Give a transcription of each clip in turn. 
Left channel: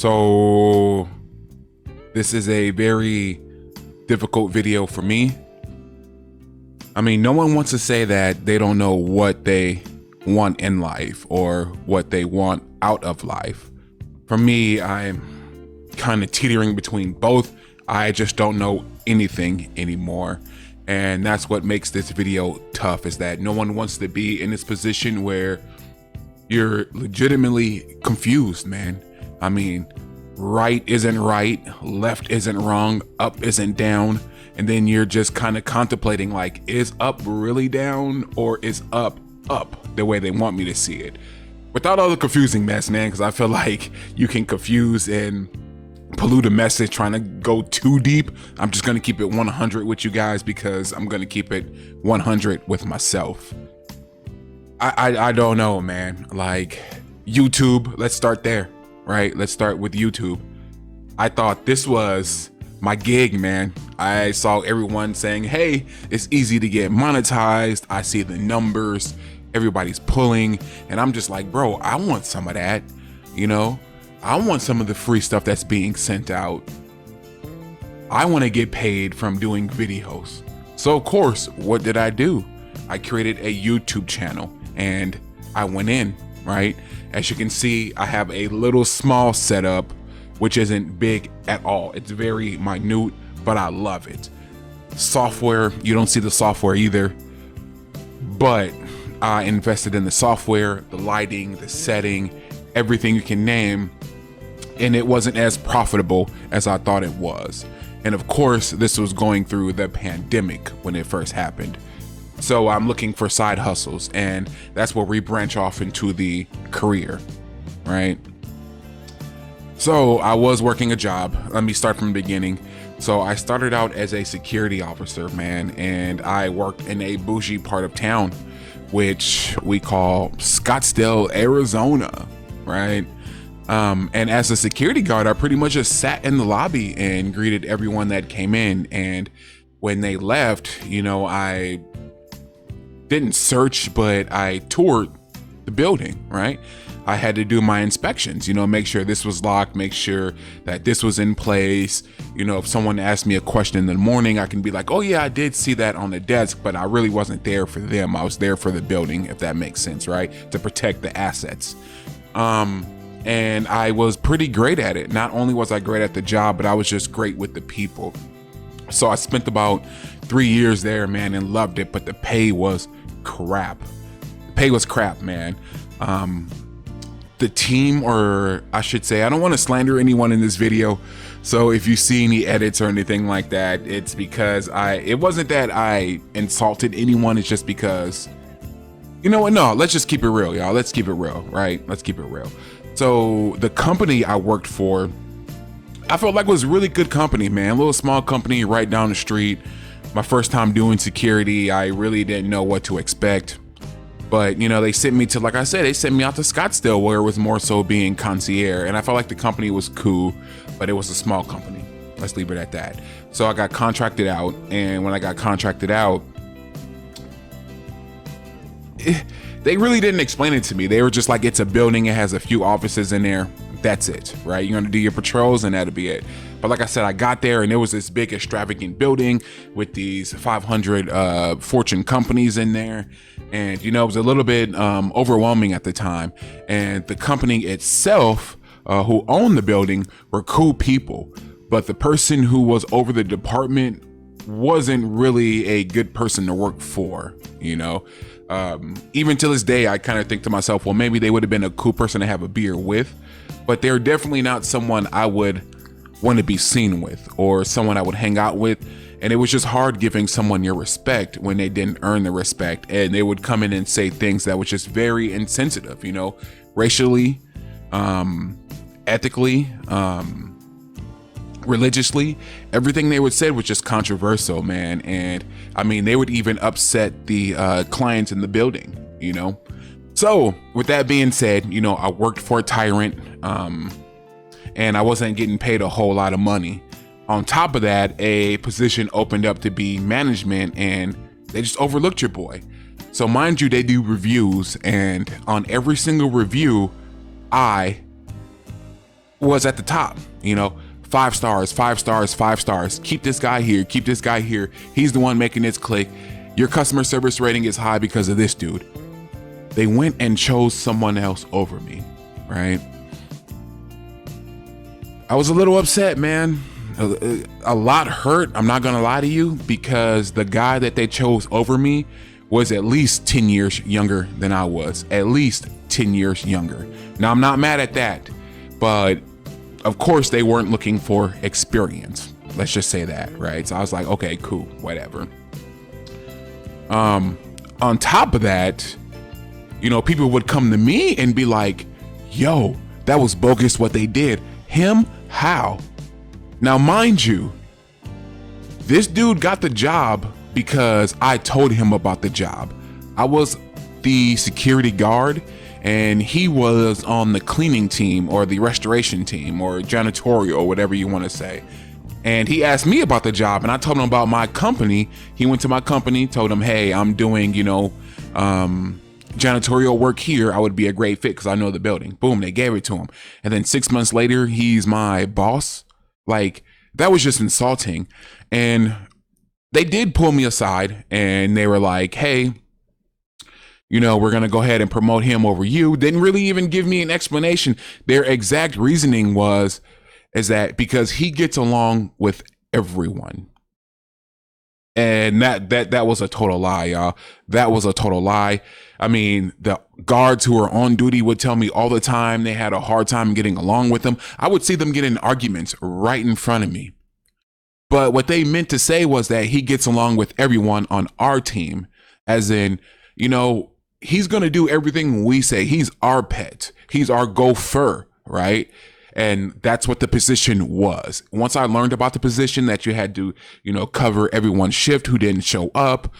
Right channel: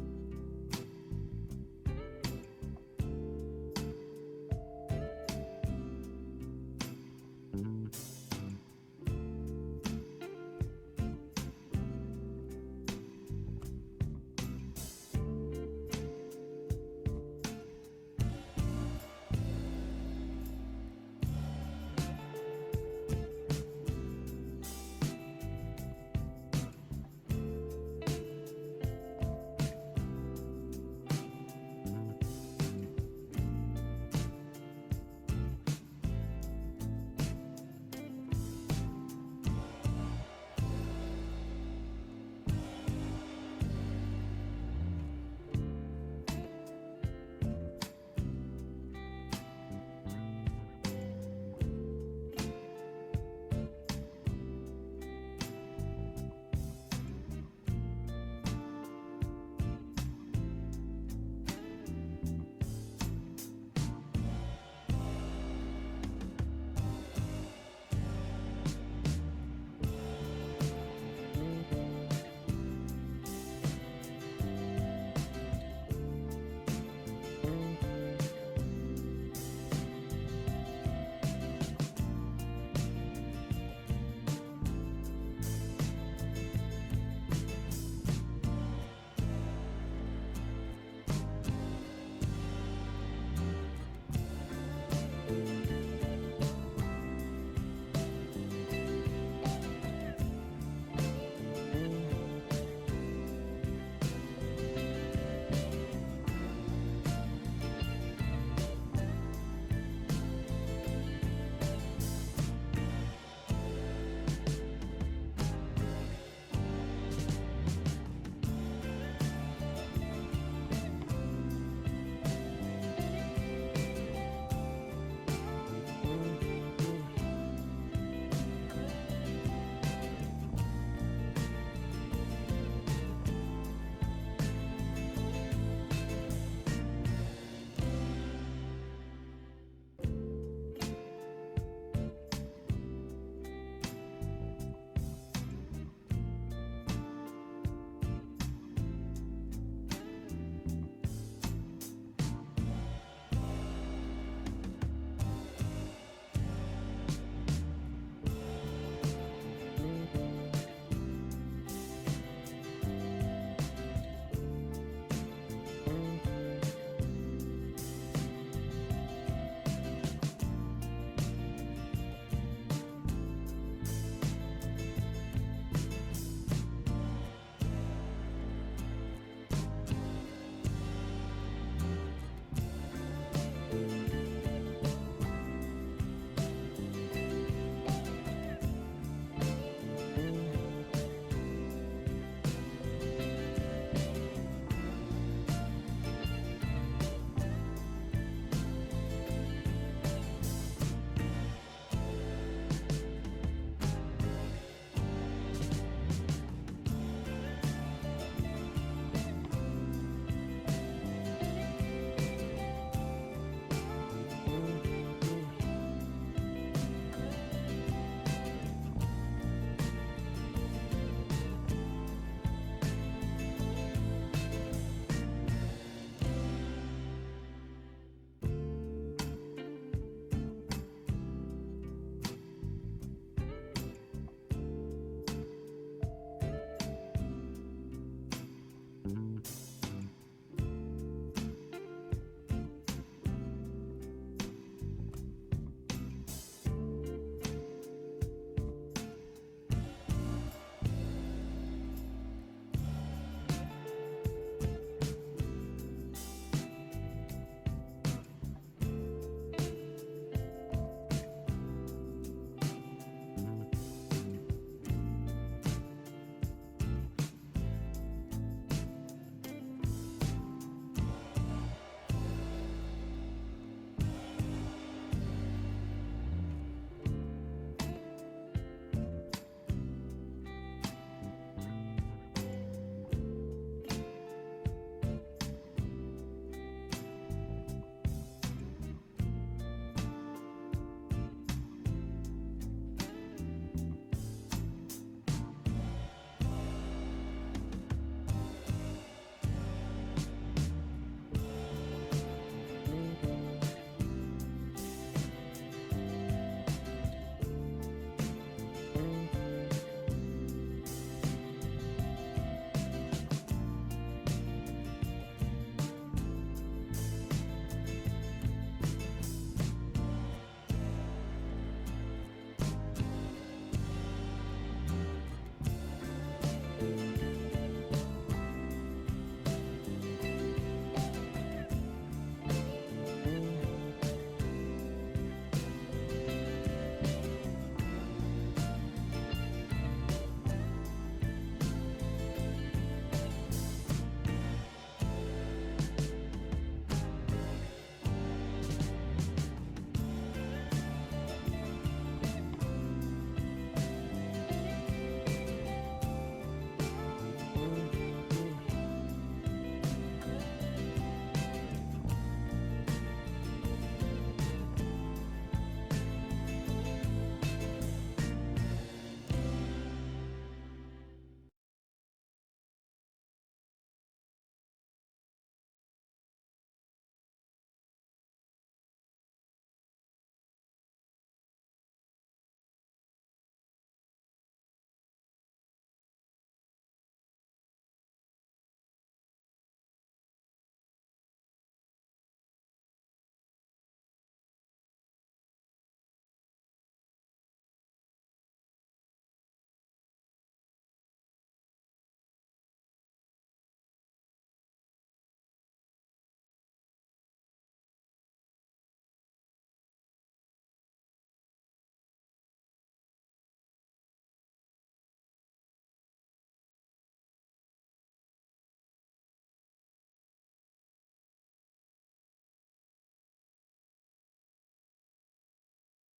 So this is a very difficult video for me. I mean, no one wants to say that they don't know what they want in life or what they want out of life. For me, I'm kind of teetering between both. I just don't know anything anymore. And that's what makes this video tough, is that no one wants to be in this position where you're legitimately confused, man. I mean, right isn't right, left isn't wrong, up isn't down. And then you're just kind of contemplating, like, is up really down or is up the way they want me to see it? Without all the confusing mess, man, because I feel like you can confuse and pollute a message trying to go too deep. I'm just gonna keep it 100 with you guys because I'm gonna keep it 100 with myself. I don't know, man. Like, YouTube, let's start there, right? Let's start with YouTube. I thought this was my gig, man. I saw everyone saying, hey, it's easy to get monetized. I see the numbers, everybody's pulling, and I'm just like, bro, I want some of that, you know? I want some of the free stuff that's being sent out. I want to get paid from doing videos. So of course, what did I do? I created a YouTube channel and I went in, right? As you can see, I have a little small setup, which isn't big at all. It's very minute, but I love it. Software, you don't see the software either, but I invested in the software, the lighting, the setting, everything you can name, and it wasn't as profitable as I thought it was. And of course, this was going through the pandemic when it first happened. So I'm looking for side hustles, and that's where we branch off into the career, right? So I was working a job. Let me start from the beginning. So I started out as a security officer, man, and I worked in a bougie part of town, which we call Scottsdale, Arizona, right? And as a security guard, I pretty much just sat in the lobby and greeted everyone that came in. And when they left, you know, I didn't search, but I toured the building, right? I had to do my inspections, you know, make sure this was locked, make sure that this was in place. You know, if someone asked me a question in the morning, I can be like, oh yeah, I did see that on the desk, but I really wasn't there for them. I was there for the building, if that makes sense, right? To protect the assets. And I was pretty great at it. Not only was I great at the job, but I was just great with the people. So I spent about 3 years there, man, and loved it, but the pay was crap. The pay was crap, man. The team, or I should say, I don't want to slander anyone in this video. So if you see any edits or anything like that, it's because it wasn't that I insulted anyone. It's just because, you know what? No, let's just keep it real, y'all. Let's keep it real, right? Let's keep it real. So the company I worked for, I felt like it was a really good company, man. A little small company right down the street. My first time doing security, I really didn't know what to expect. But, you know, they sent me to, like I said, they sent me out to Scottsdale, where it was more so being concierge. And I felt like the company was cool, but it was a small company. Let's leave it at that. So I got contracted out. And when I got contracted out, they really didn't explain it to me. They were just like, it's a building, it has a few offices in there. That's it, right? You're gonna do your patrols and that'll be it. But like I said, I got there and there was this big extravagant building with these 500 Fortune companies in there. And, you know, it was a little bit overwhelming at the time. And the company itself, who owned the building, were cool people. But the person who was over the department wasn't really a good person to work for, you know? Even to this day, I kind of think to myself, well, maybe they would have been a cool person to have a beer with, but they're definitely not someone I would want to be seen with or someone I would hang out with. And it was just hard giving someone your respect when they didn't earn the respect, and they would come in and say things that was just very insensitive, you know, racially, ethically, religiously. Everything they would say was just controversial, man. And I mean, they would even upset the clients in the building, you know? So with that being said, you know, I worked for a tyrant, and I wasn't getting paid a whole lot of money. On top of that, a position opened up to be management, and they just overlooked your boy. So mind you, they do reviews, and on every single review, I was at the top, you know, 5 stars, 5 stars, 5 stars. Keep this guy here, keep this guy here. He's the one making this click. Your customer service rating is high because of this dude. They went and chose someone else over me, right? I was a little upset, man. A lot hurt, I'm not gonna lie to you, because the guy that they chose over me was at least 10 years younger than I was. At least 10 years younger. Now, I'm not mad at that, but of course they weren't looking for experience. Let's just say that, right? So I was like, okay, cool, whatever. On top of that, you know, people would come to me and be like, yo, that was bogus what they did. Him? How? Now, mind you, this dude got the job because I told him about the job. I was the security guard and he was on the cleaning team or the restoration team or janitorial, or whatever you want to say. And he asked me about the job and I told him about my company. He went to my company, told him, hey, I'm doing, you know, janitorial work here. I would be a great fit because I know the building. Boom, they gave it to him. And then 6 months later, he's my boss. Like, that was just insulting. And they did pull me aside and they were like, hey, you know, we're going to go ahead and promote him over you. Didn't really even give me an explanation. Their exact reasoning is that because he gets along with everyone. And that was a total lie, y'all. That was a total lie. I mean, the guards who were on duty would tell me all the time they had a hard time getting along with them. I would see them get in arguments right in front of me. But what they meant to say was that he gets along with everyone on our team, as in, you know, he's going to do everything we say. He's our pet. He's our gopher, right? And that's what the position was. Once I learned about the position, that you had to, you know, cover everyone's shift who didn't show up.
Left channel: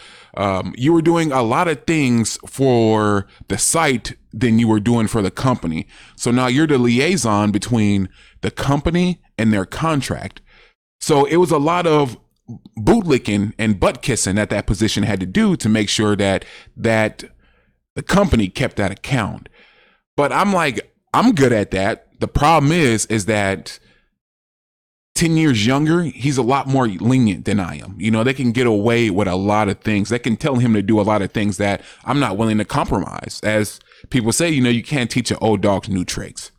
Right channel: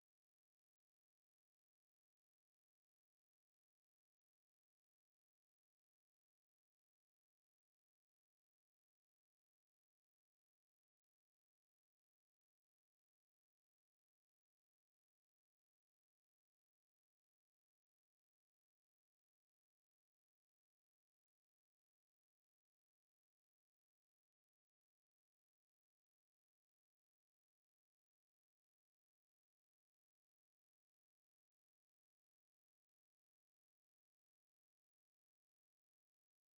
You were doing a lot of things for the site than you were doing for the company. So now you're the liaison between the company and their contract. So it was a lot of bootlicking and butt kissing that position had to do to make sure that the company kept that account. But I'm like, I'm good at that. The problem is that 10 years younger, he's a lot more lenient than I am. You know, they can get away with a lot of things. They can tell him to do a lot of things that I'm not willing to compromise. As people say, you know, you can't teach an old dog new tricks.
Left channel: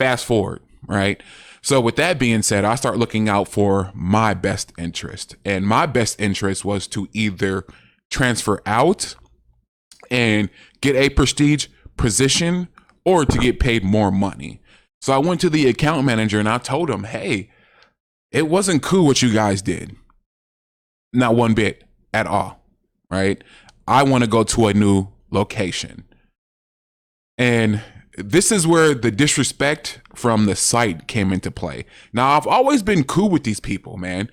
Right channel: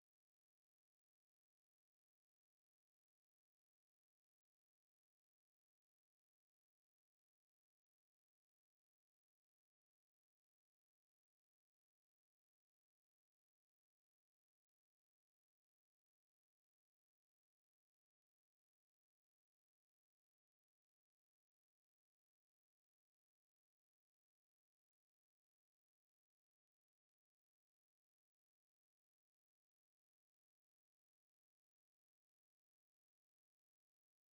Fast forward, right? So with that being said, I start looking out for my best interest. And my best interest was to either transfer out and get a prestige position or to get paid more money. So I went to the account manager and I told him, hey, it wasn't cool what you guys did. Not one bit at all, right? I want to go to a new location. And this is where the disrespect from the site came into play. Now, I've always been cool with these people, man.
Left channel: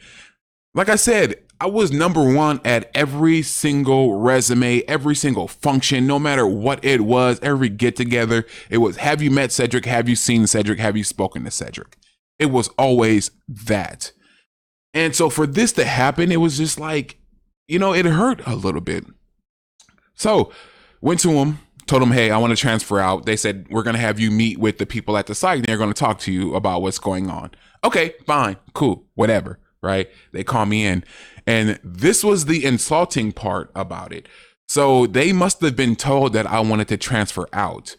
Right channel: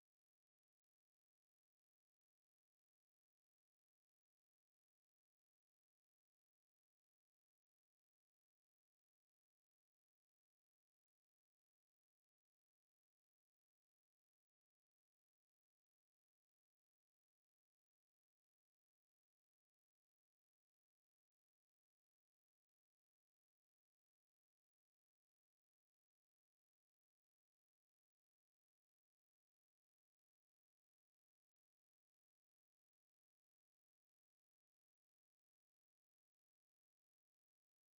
Like I said, I was #1 at every single resume, every single function, no matter what it was, every get together. It was, have you met Cedric? Have you seen Cedric? Have you spoken to Cedric? It was always that. And so for this to happen, it was just like, you know, it hurt a little bit. So went to him, told him, hey, I want to transfer out. They said, we're going to have you meet with the people at the site and they're going to talk to you about what's going on. Okay, fine, cool, whatever, right? They call me in. And this was the insulting part about it. So they must have been told that I wanted to transfer out.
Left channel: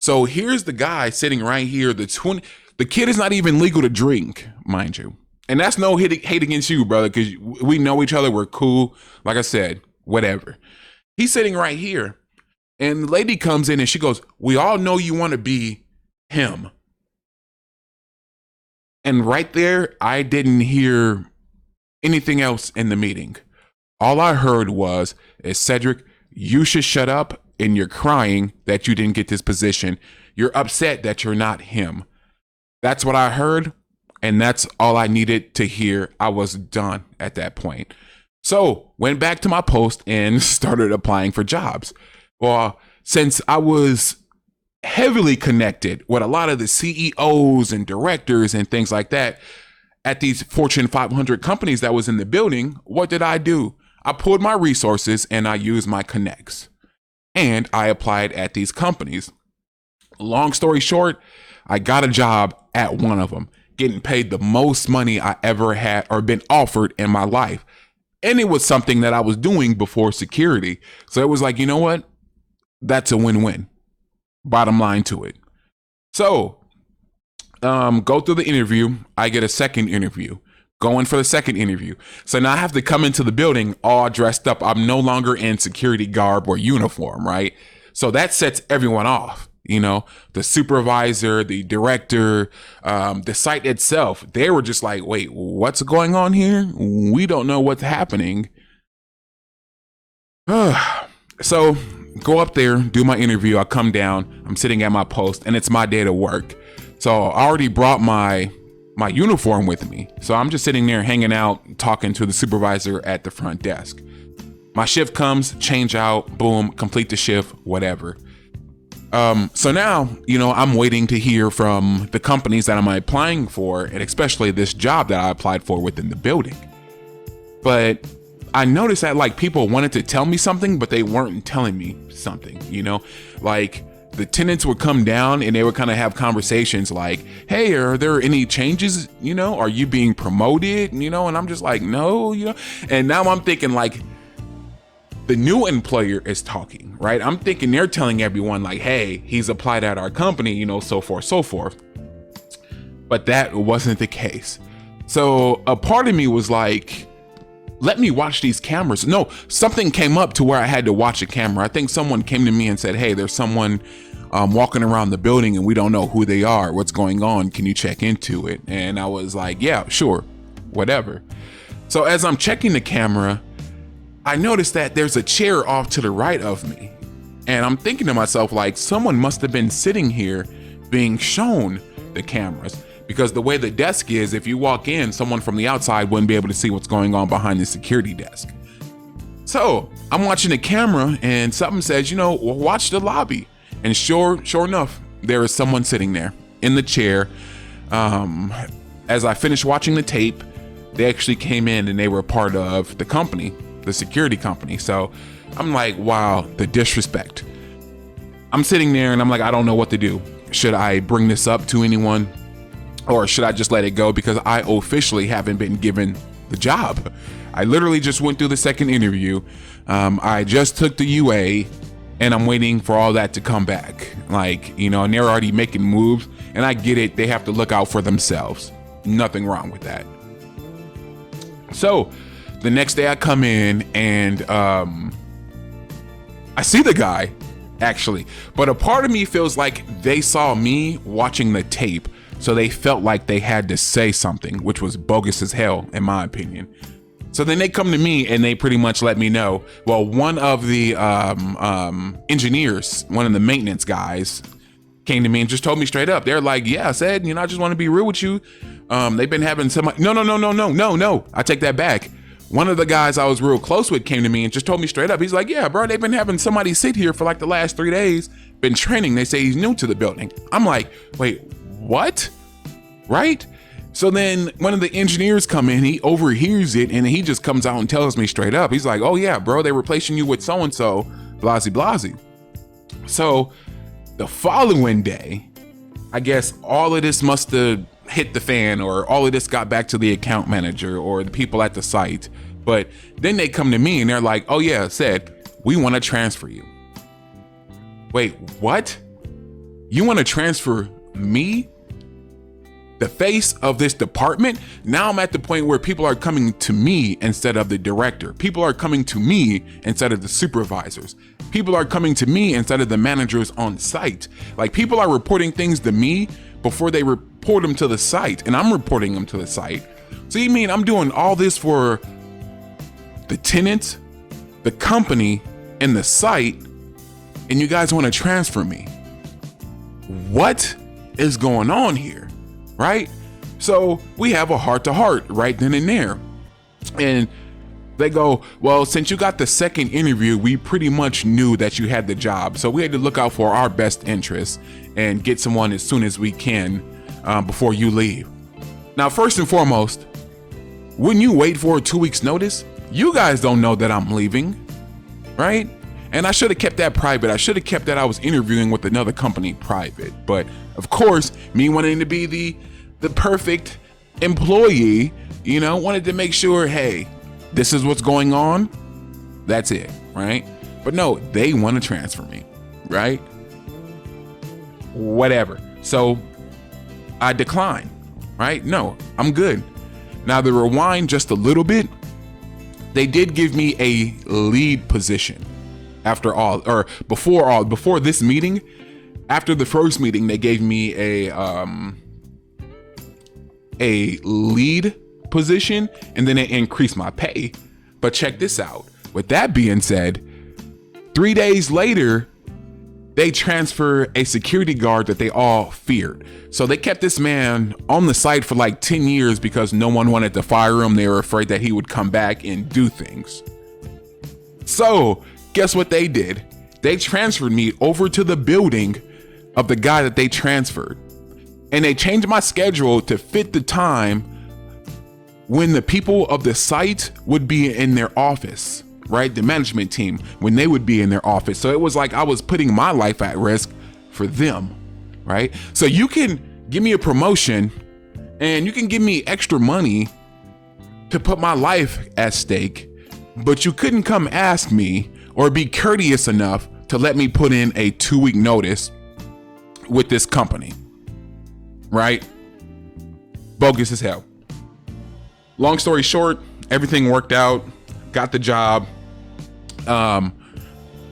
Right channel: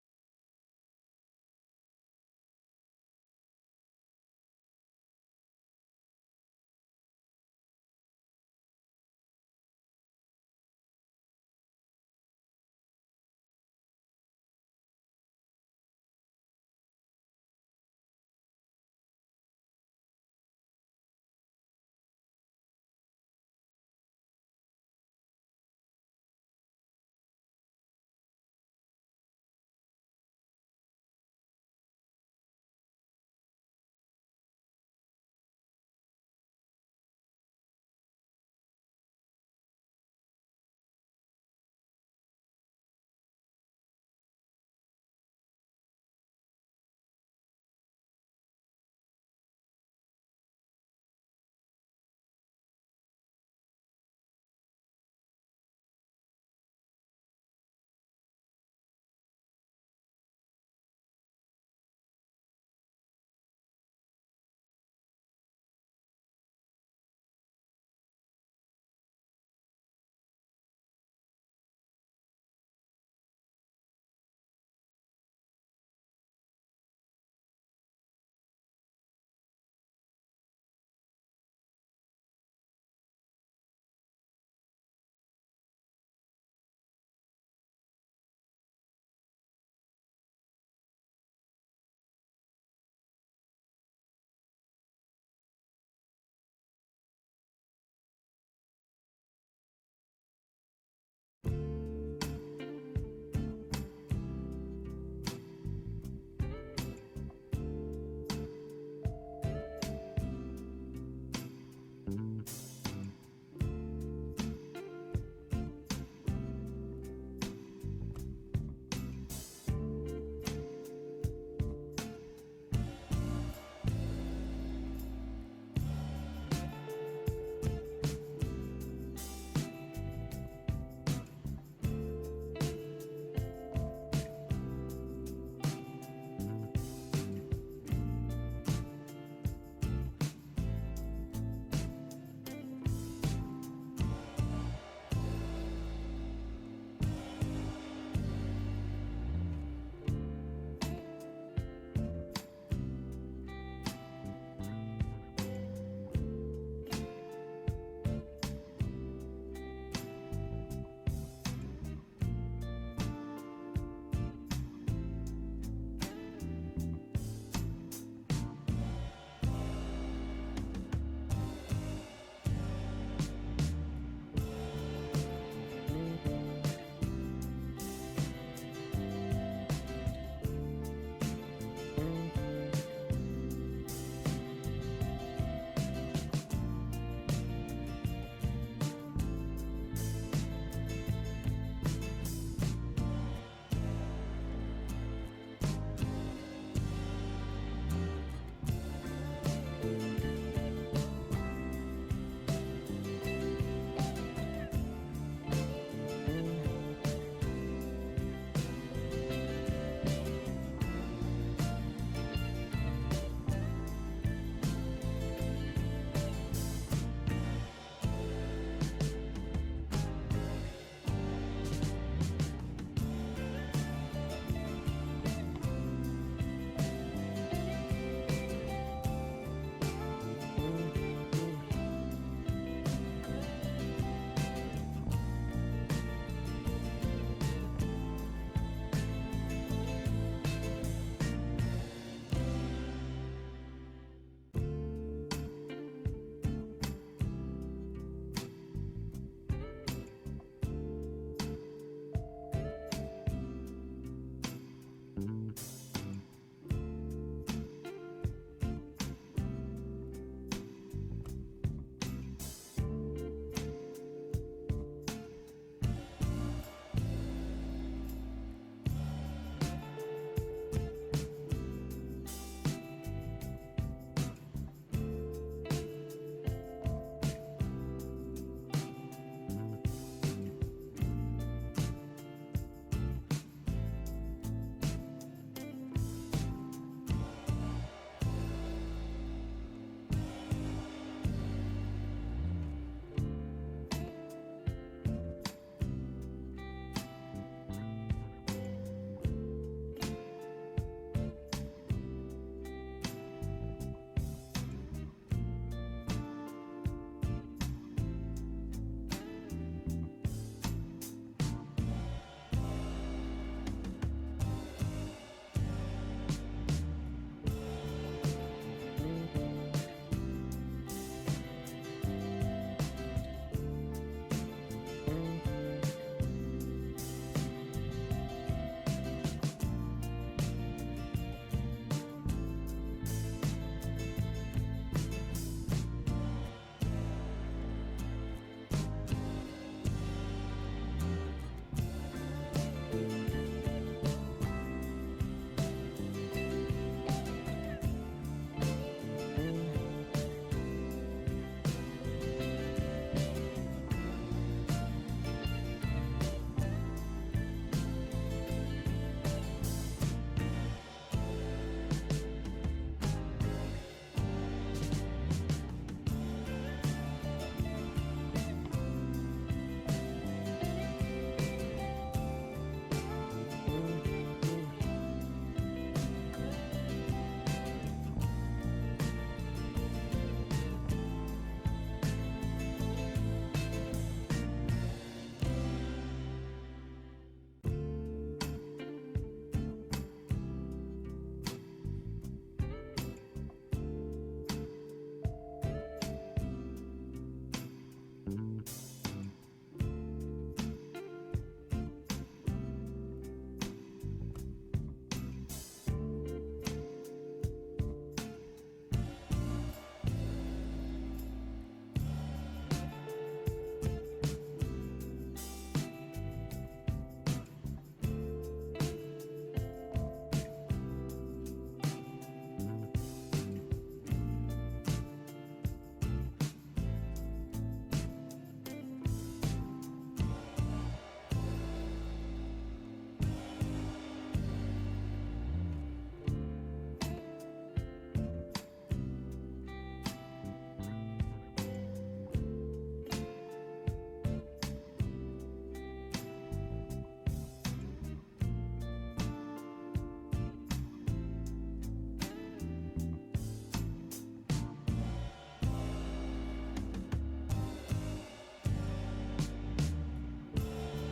So here's the guy sitting right here. The kid is not even legal to drink, mind you. And that's no hate against you, brother, because we know each other. We're cool. Like I said, whatever. He's sitting right here. And the lady comes in and she goes, we all know you want to be him. And right there, I didn't hear anything else in the meeting. All I heard was, Cedric, you should shut up, and you're crying that you didn't get this position. You're upset that you're not him. That's what I heard, and that's all I needed to hear. I was done at that point. So went back to my post and started applying for jobs. Well, since I was heavily connected with a lot of the CEOs and directors and things like that at these Fortune 500 companies that was in the building, what did I do? I pulled my resources and I used my connects. And I applied at these companies. Long story short, I got a job at one of them, getting paid the most money I ever had or been offered in my life. And it was something that I was doing before security. So it was like, you know what? That's a win-win. Bottom line to it. So go through the interview. I get a second interview. Going for the second interview. So now I have to come into the building all dressed up. I'm no longer in security garb or uniform, right? So that sets everyone off. You know, the supervisor, the director, the site itself, they were just like, wait, what's going on here? We don't know what's happening. So go up there, do my interview. I come down, I'm sitting at my post, and it's my day to work. So I already brought my uniform with me. So I'm just sitting there hanging out, talking to the supervisor at the front desk. My shift comes, change out, boom, complete the shift, whatever. So now, you know, I'm waiting to hear from the companies that I'm applying for, and especially this job that I applied for within the building. But I noticed that like people wanted to tell me something, but they weren't telling me something, you know, like the tenants would come down and they would kind of have conversations like, hey, are there any changes? You know, are you being promoted? You know, and I'm just like, no, you know, and now I'm thinking like the new employer is talking, right? I'm thinking they're telling everyone like, hey, he's applied at our company, you know, so forth, so forth. But that wasn't the case. So a part of me was like, let me watch these cameras. No, something came up to where I had to watch a camera. I think someone came to me and said, hey, there's someone walking around the building and we don't know who they are. What's going on? Can you check into it? And I was like, yeah, sure, whatever. So as I'm checking the camera, I noticed that there's a chair off to the right of me. And I'm thinking to myself, like, someone must have been sitting here being shown the cameras. Because the way the desk is, if you walk in, someone from the outside wouldn't be able to see what's going on behind the security desk. So I'm watching the camera and something says, you know, watch the lobby. And sure enough, there is someone sitting there in the chair. As I finished watching the tape, they actually came in and they were part of the company, the security company. So I'm like, wow, the disrespect. I'm sitting there and I'm like, I don't know what to do. Should I bring this up to anyone? Or should I just let it go? Because I officially haven't been given the job. I literally just went through the second interview. I just took the UA and I'm waiting for all that to come back. Like, you know, and they're already making moves, and I get it. They have to look out for themselves. Nothing wrong with that. So the next day I come in and I see the guy actually, but a part of me feels like they saw me watching the tape. So they felt like they had to say something, which was bogus as hell, in my opinion. So then they come to me and they pretty much let me know. Well, one of the engineers, one of the maintenance guys, came to me and just told me straight up. They're like, yeah, I said, you know, I just want to be real with you. They've been having no. I take that back. One of the guys I was real close with came to me and just told me straight up. He's like, yeah, bro, they've been having somebody sit here for like the last 3 days, been training. They say he's new to the building. I'm like, wait, what? Right? So then one of the engineers come in, he overhears it, and he just comes out and tells me straight up. He's like, oh yeah, bro, they're replacing you with so-and-so, blasey. So the following day, I guess all of this must have hit the fan, or all of this got back to the account manager or the people at the site. But then they come to me and they're like, oh yeah, said, we want to transfer you. Wait, what? You want to transfer me? The face of this department? Now I'm at the point where people are coming to me instead of the director. People are coming to me instead of the supervisors. People are coming to me instead of the managers on site. Like, people are reporting things to me before they report them to the site, and I'm reporting them to the site. So you mean I'm doing all this for the tenant, the company, and the site, and you guys want to transfer me? What is going on here? Right? So we have a heart-to-heart right then and there. And they go, well, since you got the second interview, we pretty much knew that you had the job. So we had to look out for our best interests and get someone as soon as we can before you leave. Now, first and foremost, wouldn't you wait for a 2 weeks notice? You guys don't know that I'm leaving, right? And I should have kept that private. I should have kept that I was interviewing with another company private. But of course, me wanting to be the perfect employee, you know, wanted to make sure, hey, this is what's going on. That's it, right? But no, they want to transfer me, right? Whatever. So I decline, right? No, I'm good. Now to rewind just a little bit, they did give me a lead position before this meeting. After the first meeting, they gave me a lead position, and then it increased my pay. But check this out. With that being said, 3 days later, they transfer a security guard that they all feared. So they kept this man on the site for like 10 years because no one wanted to fire him. They were afraid that he would come back and do things. So guess what they did? They transferred me over to the building of the guy that they transferred. And they changed my schedule to fit the time when the people of the site would be in their office, right? The management team, when they would be in their office. So it was like I was putting my life at risk for them, right? So you can give me a promotion and you can give me extra money to put my life at stake, but you couldn't come ask me or be courteous enough to let me put in a 2-week notice with this company, right? Bogus as hell. Long story short, everything worked out, got the job.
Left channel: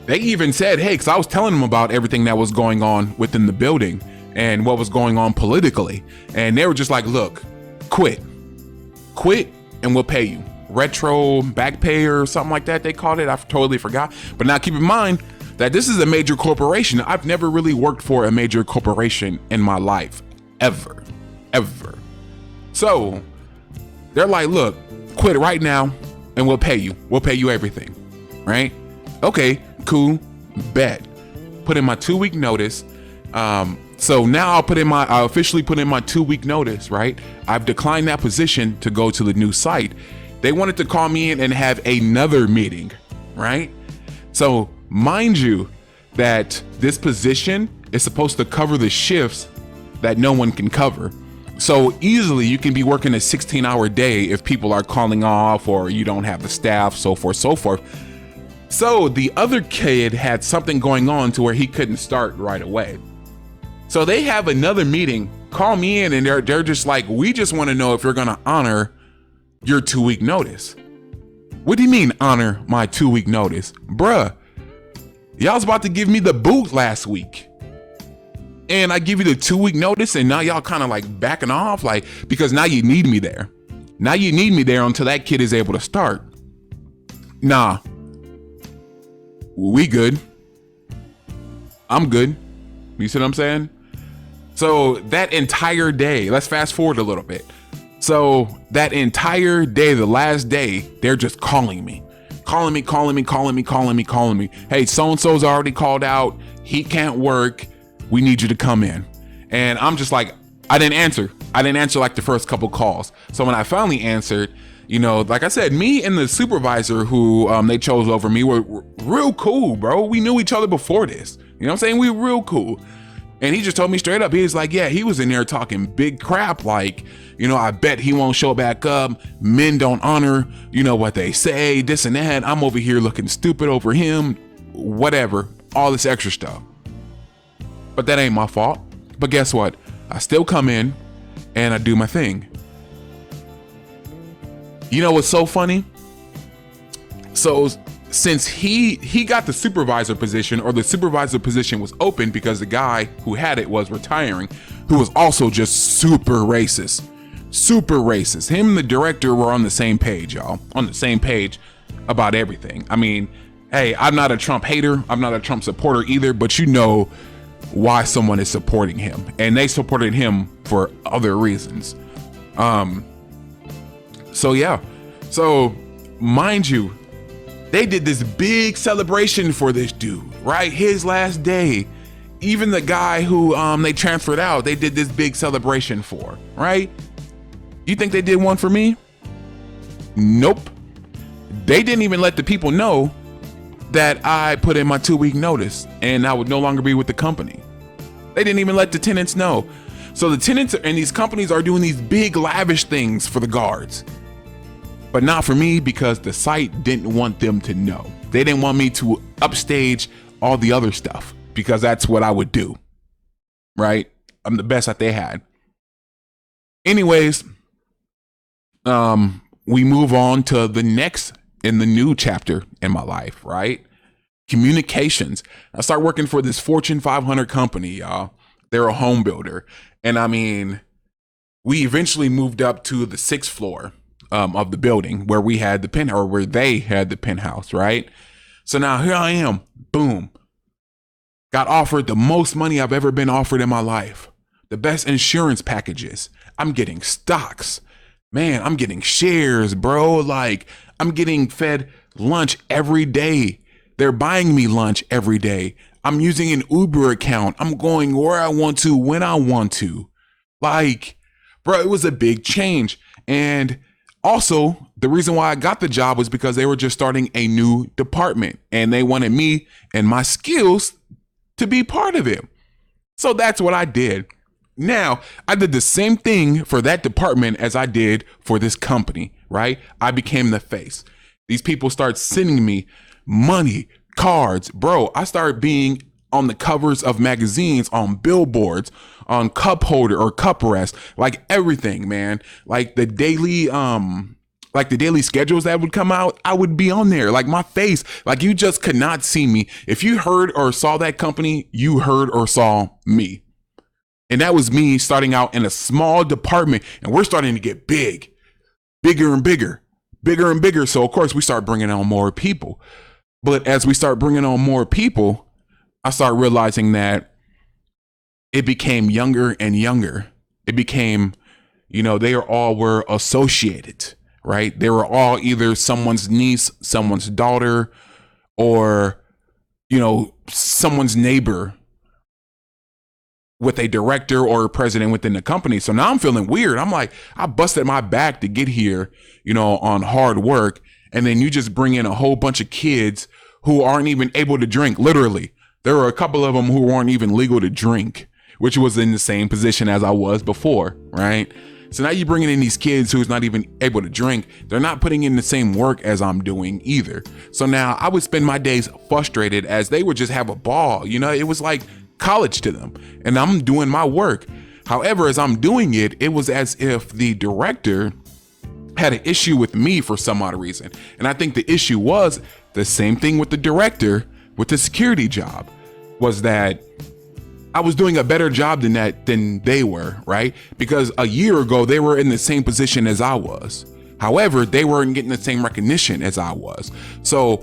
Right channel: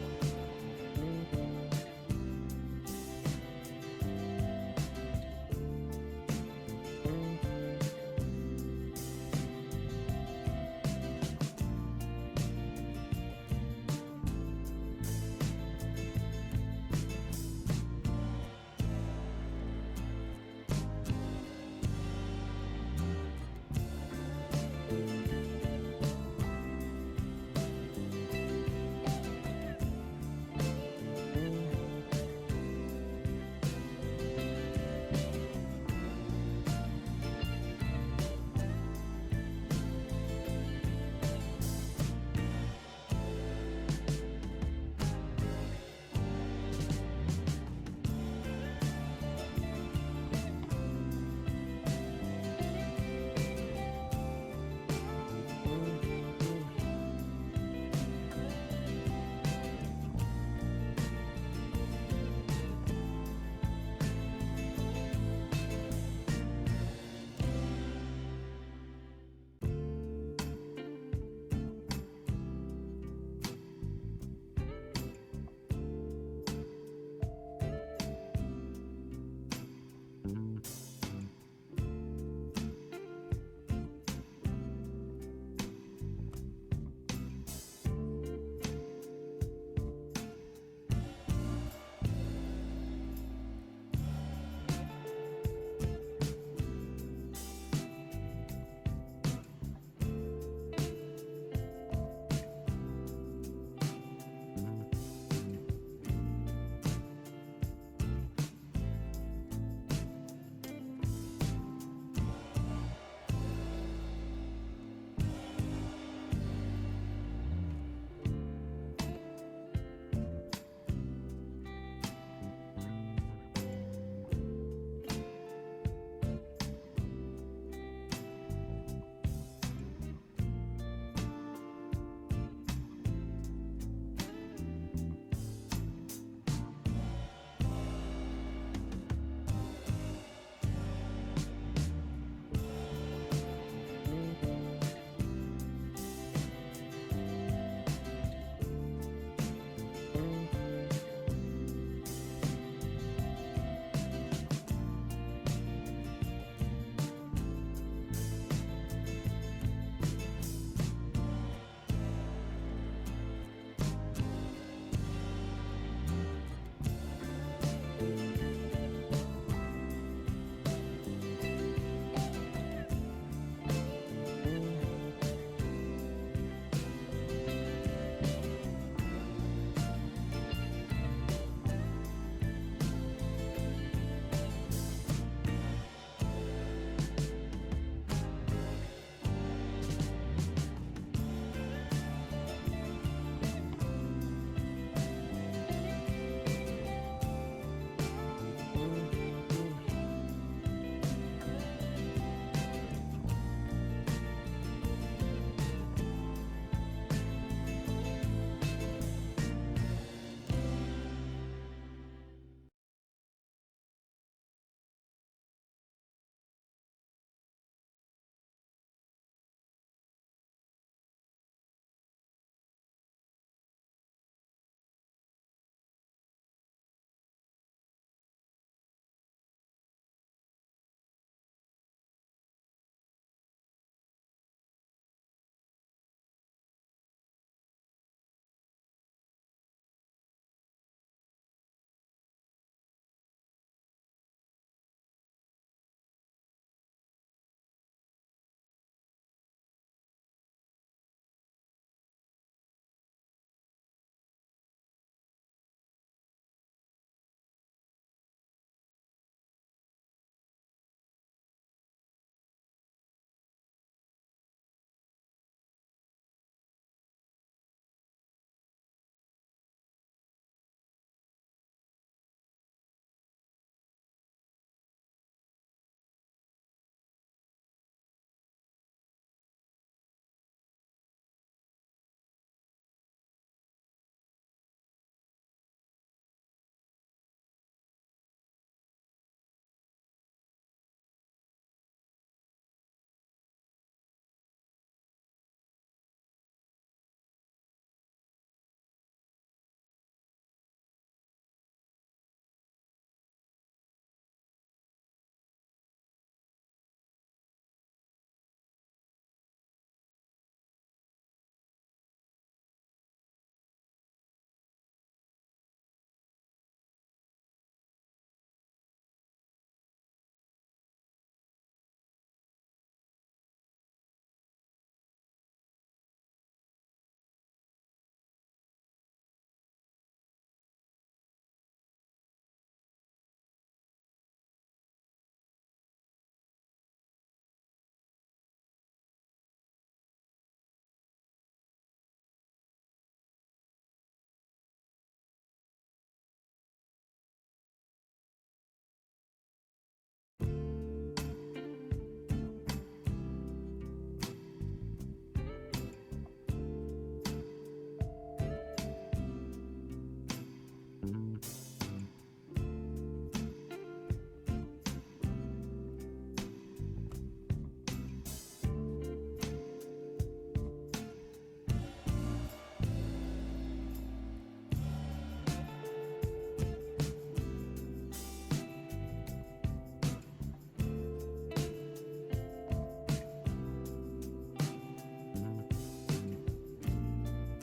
They even said, hey, because I was telling them about everything that was going on within the building and what was going on politically. And they were just like, look, quit and we'll pay you. Retro back pay or something like that they called it. I totally forgot. But now keep in mind that this is a major corporation. I've never really worked for a major corporation in my life, ever. So they're like, look, quit right now and we'll pay you. We'll pay you everything, right? Okay, cool, bet. Put in my 2-week notice. So now I officially put in my 2-week notice, right? I've declined that position to go to the new site. They wanted to call me in and have another meeting, right? So mind you that this position is supposed to cover the shifts that no one can cover. So easily you can be working a 16-hour day if people are calling off or you don't have the staff, so forth. So the other kid had something going on to where he couldn't start right away. So they have another meeting, call me in, and they're just like, we just want to know if you're gonna honor your 2-week notice. What do you mean honor my 2-week notice? Bruh, y'all was about to give me the boot last week. And I give you the 2-week notice and now y'all kind of like backing off, like, because now you need me there. Now you need me there until that kid is able to start. Nah, we good. I'm good. You see what I'm saying? So that entire day, let's fast forward a little bit. So that entire day, the last day, they're just calling me. Hey, so-and-so's already called out. He can't work. We need you to come in. And I'm just like, I didn't answer like the first couple calls. So when I finally answered, you know, like I said, me and the supervisor who they chose over me were real cool, bro. We knew each other before this. You know what I'm saying? We were real cool. And he just told me straight up, he was like, yeah, he was in there talking big crap. Like, you know, I bet he won't show back up. Men don't honor, you know, what they say, this and that. I'm over here looking stupid over him, whatever, all this extra stuff. But that ain't my fault. But guess what? I still come in and I do my thing. You know what's so funny? So since he got the supervisor position, or the supervisor position was open because the guy who had it was retiring, who was also just super racist. Him and the director were on the same page, y'all. On the same page about everything. I mean, hey, I'm not a Trump hater. I'm not a Trump supporter either, but you know why someone is supporting him, and they supported him for other reasons. So yeah, so mind you, they did this big celebration for this dude, right? His last day. Even the guy who they transferred out, they did this big celebration for, right? You think they did one for me? Nope. They didn't even let the people know that I put in my 2-week notice and I would no longer be with the company. They didn't even let the tenants know. So the tenants and these companies are doing these big lavish things for the guards, but not for me, because the site didn't want them to know. They didn't want me to upstage all the other stuff, because that's what I would do, right? I'm the best that they had. Anyways, we move on to the next in the new chapter in my life, right? Communications. I start working for this Fortune 500 company, y'all. They're a home builder. And I mean, we eventually moved up to the 6th floor of the building where we had the penthouse, or where they had the penthouse, right? So now here I am, boom. Got offered the most money I've ever been offered in my life. The best insurance packages. I'm getting stocks. Man, I'm getting shares, bro. Like, I'm getting fed lunch every day. They're buying me lunch every day. I'm using an Uber account. I'm going where I want to, when I want to. Like, bro, it was a big change. And also, the reason why I got the job was because they were just starting a new department and they wanted me and my skills to be part of it. So that's what I did. Now, I did the same thing for that department as I did for this company, right? I became the face. These people start sending me money, cards. Bro, I started being on the covers of magazines, on billboards, on cup holder or cup rest, like everything, man. Like the daily schedules that would come out, I would be on there, like my face, like you just could not see me. If you heard or saw that company, you heard or saw me. And that was me starting out in a small department, and we're starting to get big, bigger and bigger, bigger and bigger. So of course we start bringing on more people. But as we start bringing on more people, I start realizing that it became younger and younger. It became, they all were associated, right? They were all either someone's niece, someone's daughter, or, someone's neighbor with a director or a president within the company. So now I'm feeling weird. I'm like, I busted my back to get here, on hard work. And then you just bring in a whole bunch of kids who aren't even able to drink. Literally, there were a couple of them who weren't even legal to drink, which was in the same position as I was before, right? So now you're bringing in these kids who's not even able to drink. They're not putting in the same work as I'm doing either. So now I would spend my days frustrated as they would just have a ball. It was like college to them, and I'm doing my work. However, as I'm doing it, it was as if the director had an issue with me for some odd reason. And I think the issue was the same thing with the director with the security job, was that I was doing a better job than they were, right? Because a year ago, they were in the same position as I was. However, they weren't getting the same recognition as I was. So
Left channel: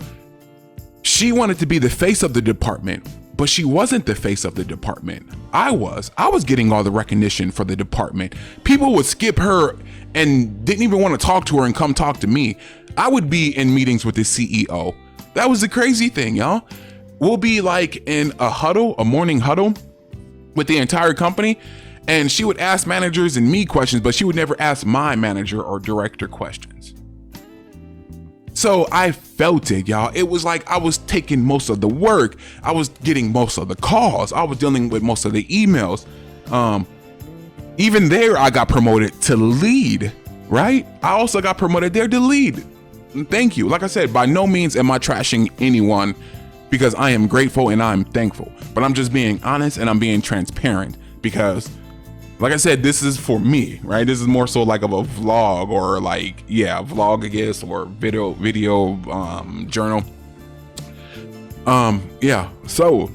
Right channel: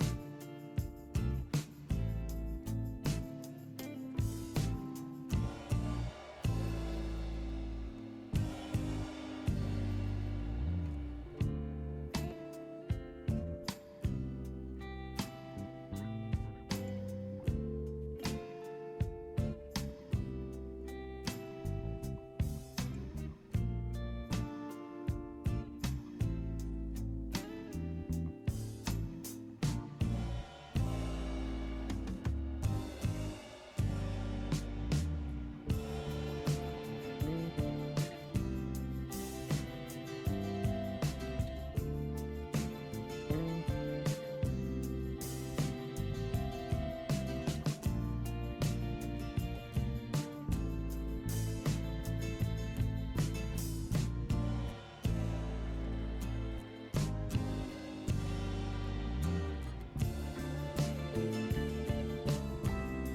she wanted to be the face of the department, but she wasn't the face of the department. I was getting all the recognition for the department. People would skip her and didn't even want to talk to her and come talk to me. I would be in meetings with the CEO. That was the crazy thing, y'all. We'll be like in a morning huddle with the entire company, and she would ask managers and me questions, but she would never ask my manager or director questions. So I felt it, y'all. It was like I was taking most of the work. I was getting most of the calls. I was dealing with most of the emails. Even there, I got promoted to lead, right? I also got promoted there to lead. Thank you. Like I said, by no means am I trashing anyone, because I am grateful and I'm thankful. But I'm just being honest and I'm being transparent because, like I said, this is for me, right? This is more so like of a vlog, or vlog, I guess, or video journal. So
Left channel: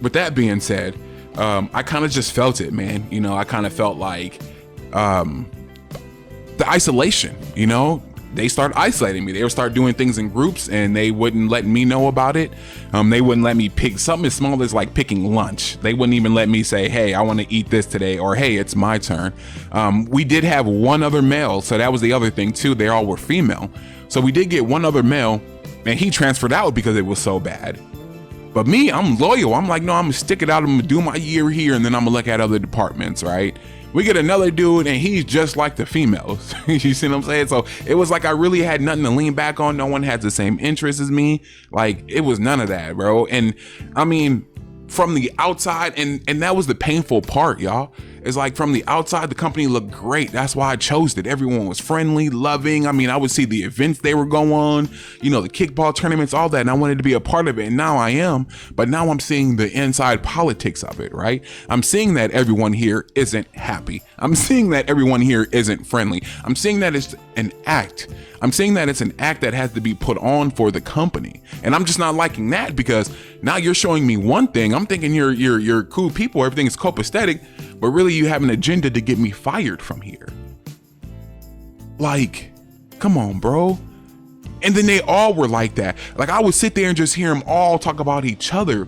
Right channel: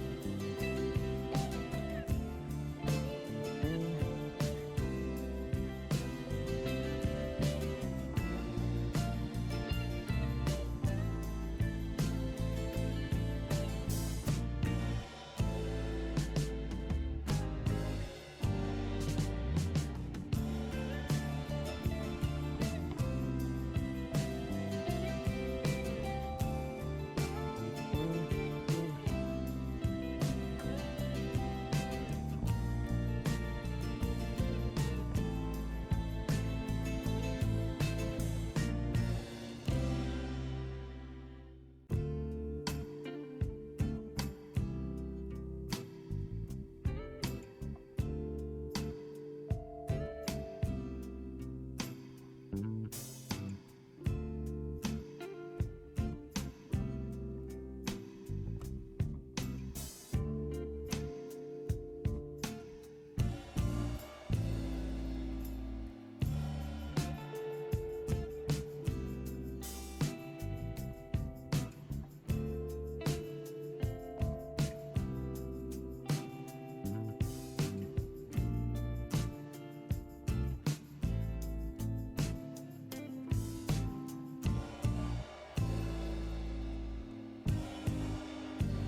with that being said, I kind of just felt it, man. I kind of felt like the isolation, they started isolating me. They would start doing things in groups and they wouldn't let me know about it. They wouldn't let me pick something as small as like picking lunch. They wouldn't even let me say, hey, I want to eat this today, or hey, it's my turn. We did have one other male, so that was the other thing too. They all were female. So we did get one other male, and he transferred out because it was so bad. But me, I'm loyal. I'm like, no, I'm gonna stick it out. I'm gonna do my year here, and then I'm gonna look at other departments, right? We get another dude, and he's just like the females. You see what I'm saying? So it was like I really had nothing to lean back on. No one had the same interests as me. Like, it was none of that, bro. And I mean, from the outside, and that was the painful part, y'all. It's like from the outside, the company looked great. That's why I chose it. Everyone was friendly, loving. I mean, I would see the events they were going on, you know, the kickball tournaments, all that. And I wanted to be a part of it. And now I am. But now I'm seeing the inside politics of it, right? I'm seeing that everyone here isn't happy. I'm seeing that everyone here isn't friendly. I'm seeing that it's an act. I'm seeing that it's an act that has to be put on for the company. And I'm just not liking that, because now you're showing me one thing. I'm thinking you're cool people. Everything is copacetic. But really, you have an agenda to get me fired from here. Like, come on, bro. And then they all were like that. Like, I would sit there and just hear them all talk about each other.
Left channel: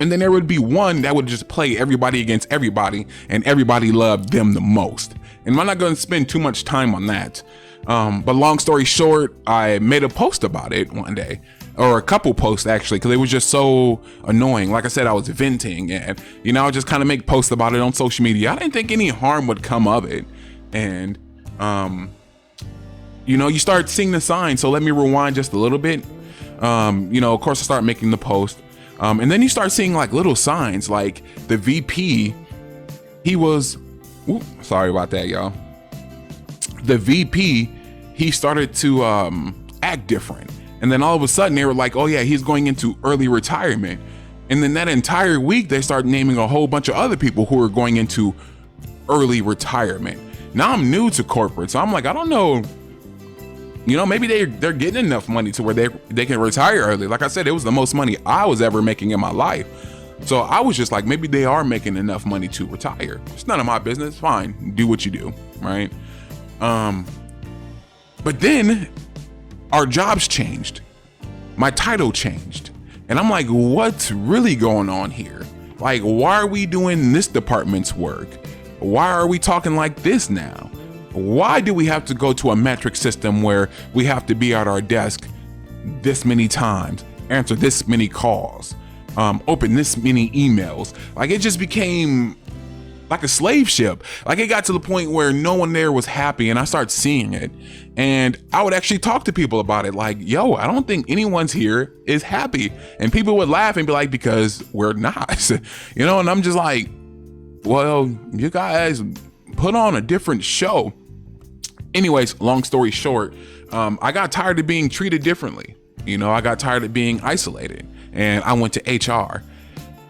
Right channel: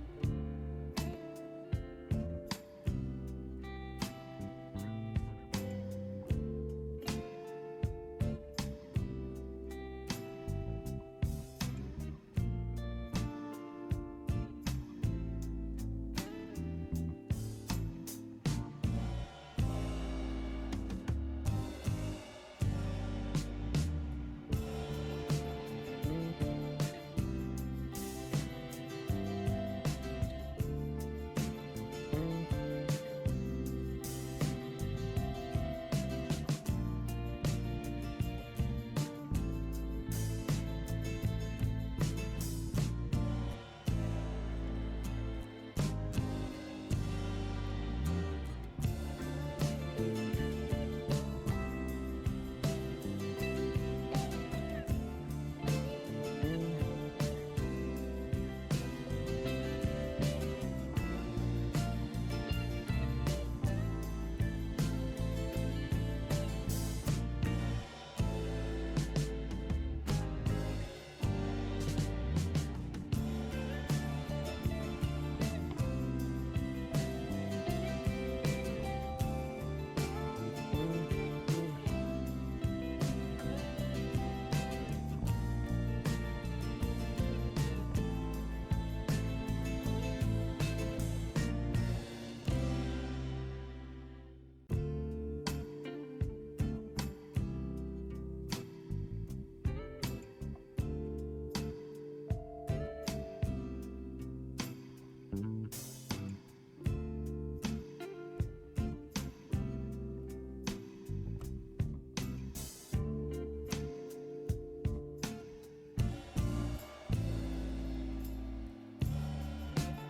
And then there would be one that would just play everybody against everybody, and everybody loved them the most. And I'm not going to spend too much time on that. But long story short, I made a post about it one day. Or a couple posts, actually, because it was just so annoying. Like I said, I was venting, and you know, I just kind of make posts about it on social media. I didn't think any harm would come of it. And you know, you start seeing the signs. So let me rewind just a little bit. You know, of course, I start making the post, and then you start seeing like little signs, like the VP. He was, sorry about that, y'all. The VP, he started to act different. And then all of a sudden they were like, oh yeah, he's going into early retirement. And then that entire week they started naming a whole bunch of other people who are going into early retirement. Now I'm new to corporate, so I'm like, I don't know, you know, maybe they're getting enough money to where they can retire early. Like I said, it was the most money I was ever making in my life. So I was just like, maybe they are making enough money to retire. It's none of my business. Fine, do what you do, right? But then our jobs changed. My title changed. And I'm like, what's really going on here? Like, why are we doing this department's work? Why are we talking like this now? Why do we have to go to a metric system where we have to be at our desk this many times, answer this many calls, open this many emails? Like, it just became like a slave ship. Like, it got to the point where no one there was happy, and I started seeing it. And I would actually talk to people about it, like, yo, I don't think anyone's here is happy. And people would laugh and be like, because we're not, you know? And I'm just like, well, you guys put on a different show. Anyways, long story short, I got tired of being treated differently. You know, I got tired of being isolated, and I went to HR.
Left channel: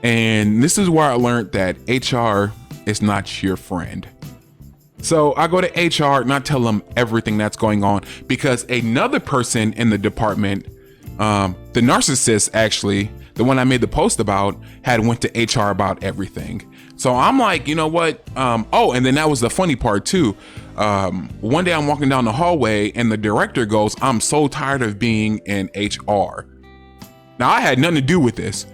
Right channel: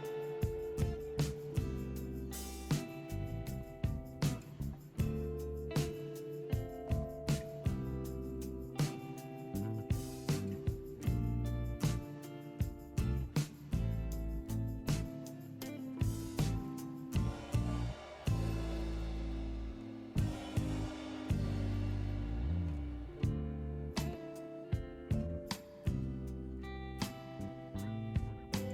And this is where I learned that HR is not your friend. So I go to HR and I tell them everything that's going on, because another person in the department, the narcissist, actually, the one I made the post about, had went to HR about everything. So I'm like, you know what? Oh, and then that was the funny part too. One day I'm walking down the hallway and the director goes, I'm so tired of being in HR. Now, I had nothing to do with this.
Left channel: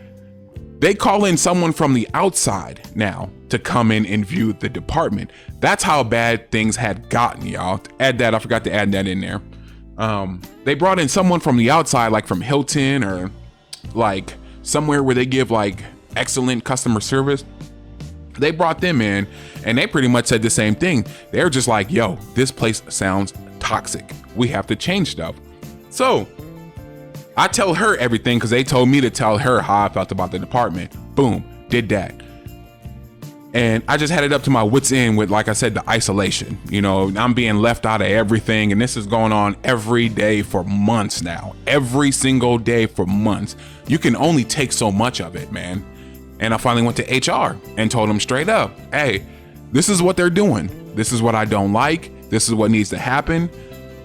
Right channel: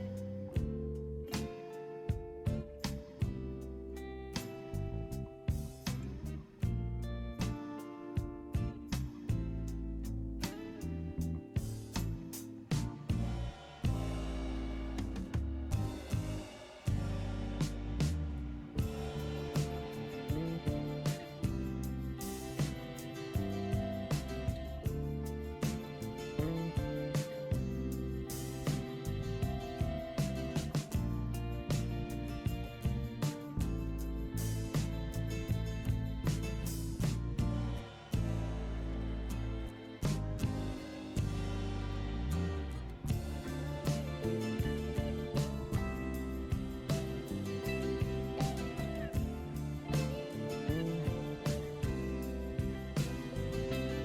They call in someone from the outside now to come in and view the department. That's how bad things had gotten, y'all. Add that, I forgot to add that in there. They brought in someone from the outside, like from Hilton or like somewhere where they give like excellent customer service. They brought them in and they pretty much said the same thing. They're just like, yo, this place sounds toxic. We have to change stuff. So I tell her everything because they told me to tell her how I felt about the department. Boom, did that. And I just had it up to my wits end with, like I said, the isolation. You know, I'm being left out of everything, and this is going on every day for months now. Every single day for months. You can only take so much of it, man. And I finally went to HR and told them straight up, hey, this is what they're doing. This is what I don't like. This is what needs to happen.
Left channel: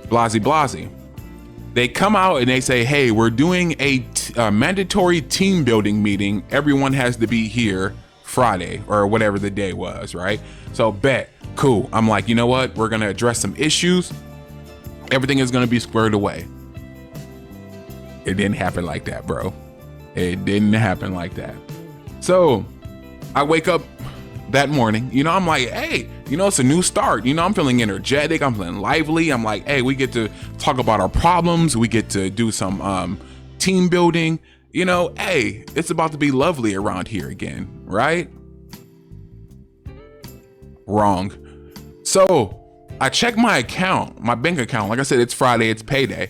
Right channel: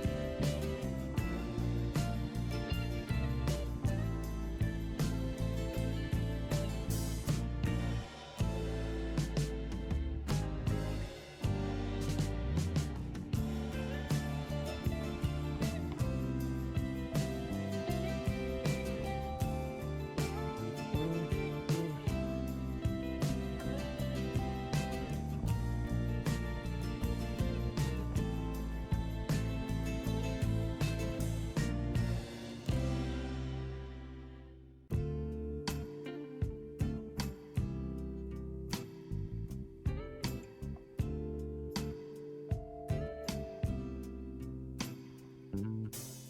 Blasey, blasey. They come out and they say, hey, we're doing a mandatory team building meeting. Everyone has to be here Friday or whatever the day was, right? So bet, cool. I'm like, you know what? We're gonna address some issues. Everything is gonna be squared away. It didn't happen like that, bro. It didn't happen like that. So I wake up that morning, you know, I'm like, hey, you know, it's a new start. You know, I'm feeling energetic. I'm feeling lively. I'm like, hey, we get to talk about our problems. We get to do some team building. you know, hey, it's about to be lovely around here again, right? Wrong. So I checked my account, my bank account. Like I said, it's Friday, it's payday.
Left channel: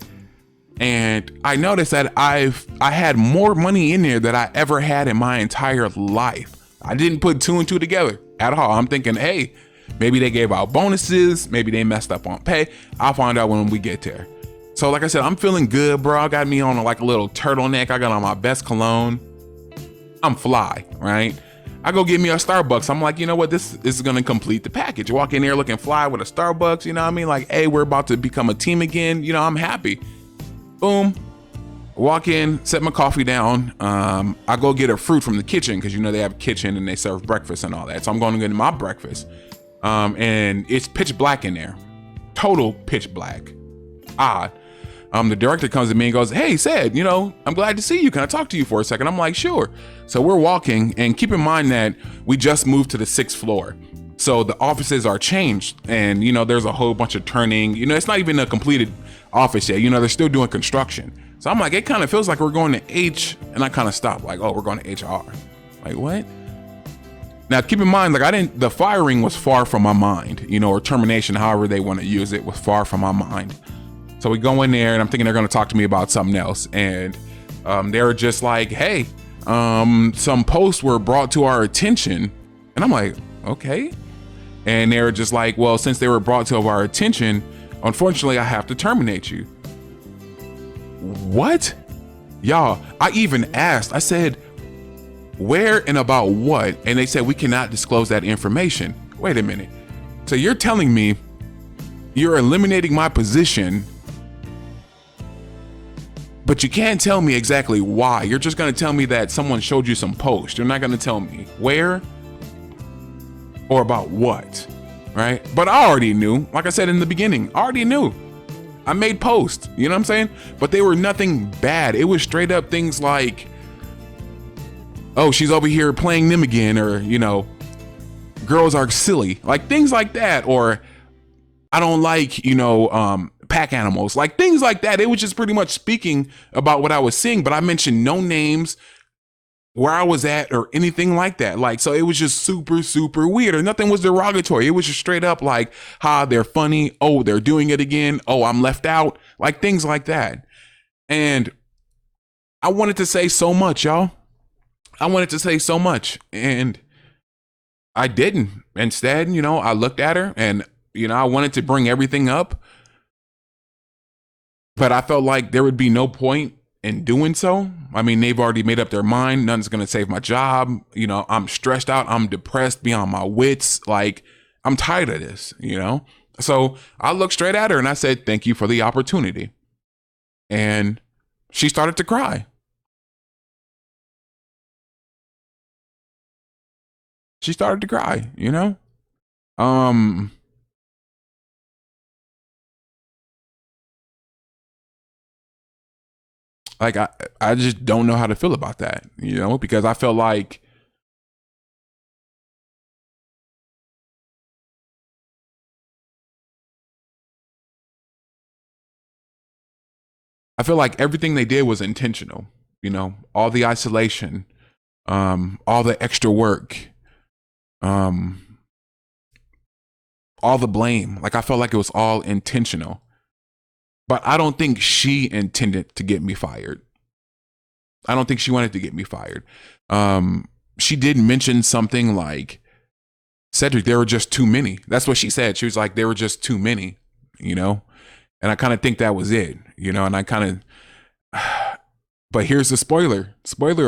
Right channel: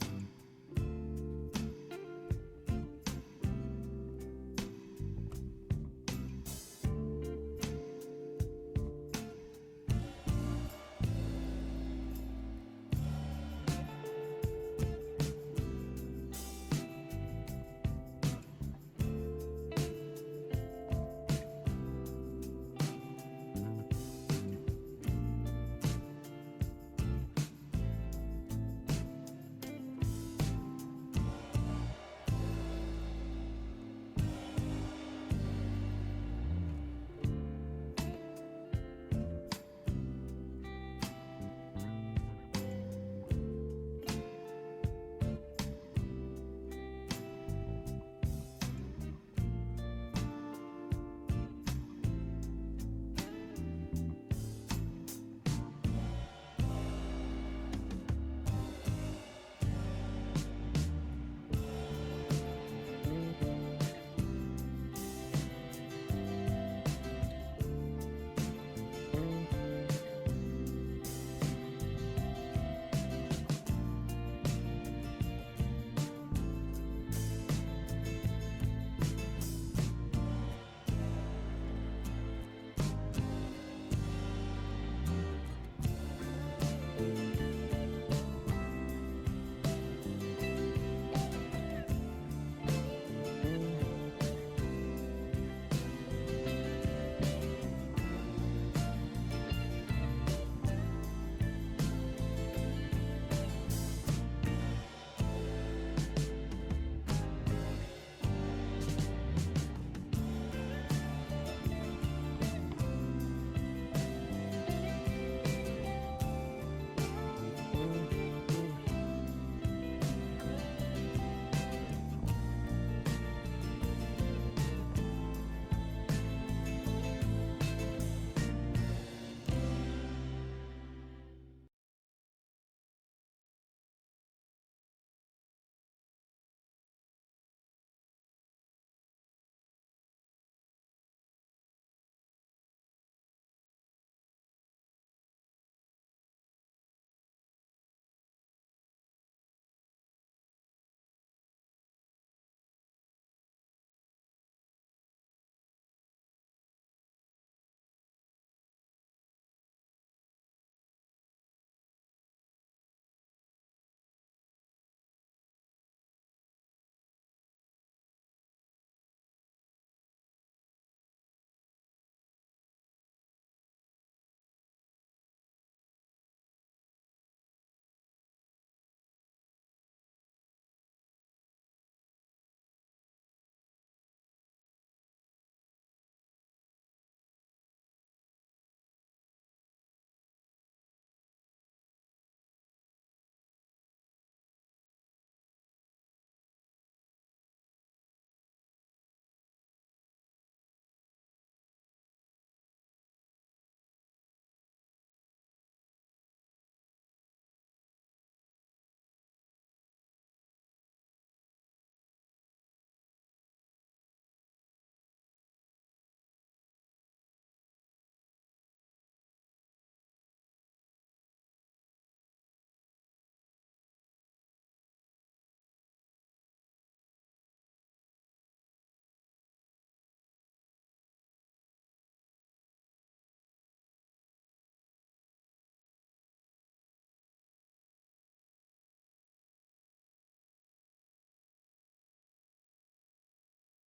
And I noticed that I had more money in there than I ever had in my entire life. I didn't put two and two together at all. I'm thinking, hey, maybe they gave out bonuses, maybe they messed up on pay. I'll find out when we get there. So like I said, I'm feeling good, bro. I got me on like a little turtleneck. I got on my best cologne. I'm fly, right? I go get me a Starbucks. I'm like, you know what? This is gonna complete the package. Walk in there looking fly with a Starbucks, you know what I mean? Like, hey, we're about to become a team again. You know, I'm happy. Boom. Walk in, set my coffee down. I go get a fruit from the kitchen because you know they have a kitchen and they serve breakfast and all that. So I'm going to get my breakfast. And it's pitch black in there. Total pitch black. Odd. The director comes to me and goes, hey, Said, you know, I'm glad to see you. Can I talk to you for a second? I'm like, sure. So we're walking, and keep in mind that we just moved to the 6th floor. So the offices are changed, and you know, there's a whole bunch of turning, you know, it's not even a completed office yet. You know, they're still doing construction. So I'm like, it kind of feels like we're going to H, and I kind of stopped like, oh, we're going to HR. Like, what? Now, keep in mind, like the firing was far from my mind, you know, or termination, however they want to use it, was far from my mind. So we go in there and I'm thinking they're going to talk to me about something else. And they were just like, hey, some posts were brought to our attention. And I'm like, okay. And they were just like, well, since they were brought to our attention, unfortunately, I have to terminate you. What? Y'all, I even asked, I said, where and about what? And they said, we cannot disclose that information. Wait a minute. So you're telling me you're eliminating my position, but you can't tell me exactly why. You're just gonna tell me that someone showed you some post. You're not gonna tell me where or about what, right? But I already knew, like I said in the beginning, I already knew. I made posts, you know what I'm saying? But they were nothing bad. It was straight up things like, oh, she's over here playing them again, or, you know, girls are silly, like things like that, or I don't like, you know, pack animals, like things like that. It was just pretty much speaking about what I was seeing, but I mentioned no names, where I was at, or anything like that. Like, so it was just super, super weird, or nothing was derogatory. It was just straight up like, ha, they're funny. Oh, they're doing it again. Oh, I'm left out. Like things like that. And I wanted to say so much, y'all. I wanted to say so much, and I didn't. Instead, you know, I looked at her and, you know, I wanted to bring everything up, but I felt like there would be no point in doing so. I mean, they've already made up their mind. Nothing's going to save my job. You know, I'm stressed out. I'm depressed beyond my wits. Like, I'm tired of this, you know? So I looked straight at her and I said, thank you for the opportunity. And she started to cry. She started to cry, you know? Like I just don't know how to feel about that, you know, because I felt like everything they did was intentional, you know, all the isolation, all the extra work, all the blame. Like I felt like it was all intentional. But I don't think she intended to get me fired. I don't think she wanted to get me fired. She did mention something like, Cedric, there were just too many. That's what she said. She was like, there were just too many, you know? And I kind of think that was it, you know? And I kind of, but here's the spoiler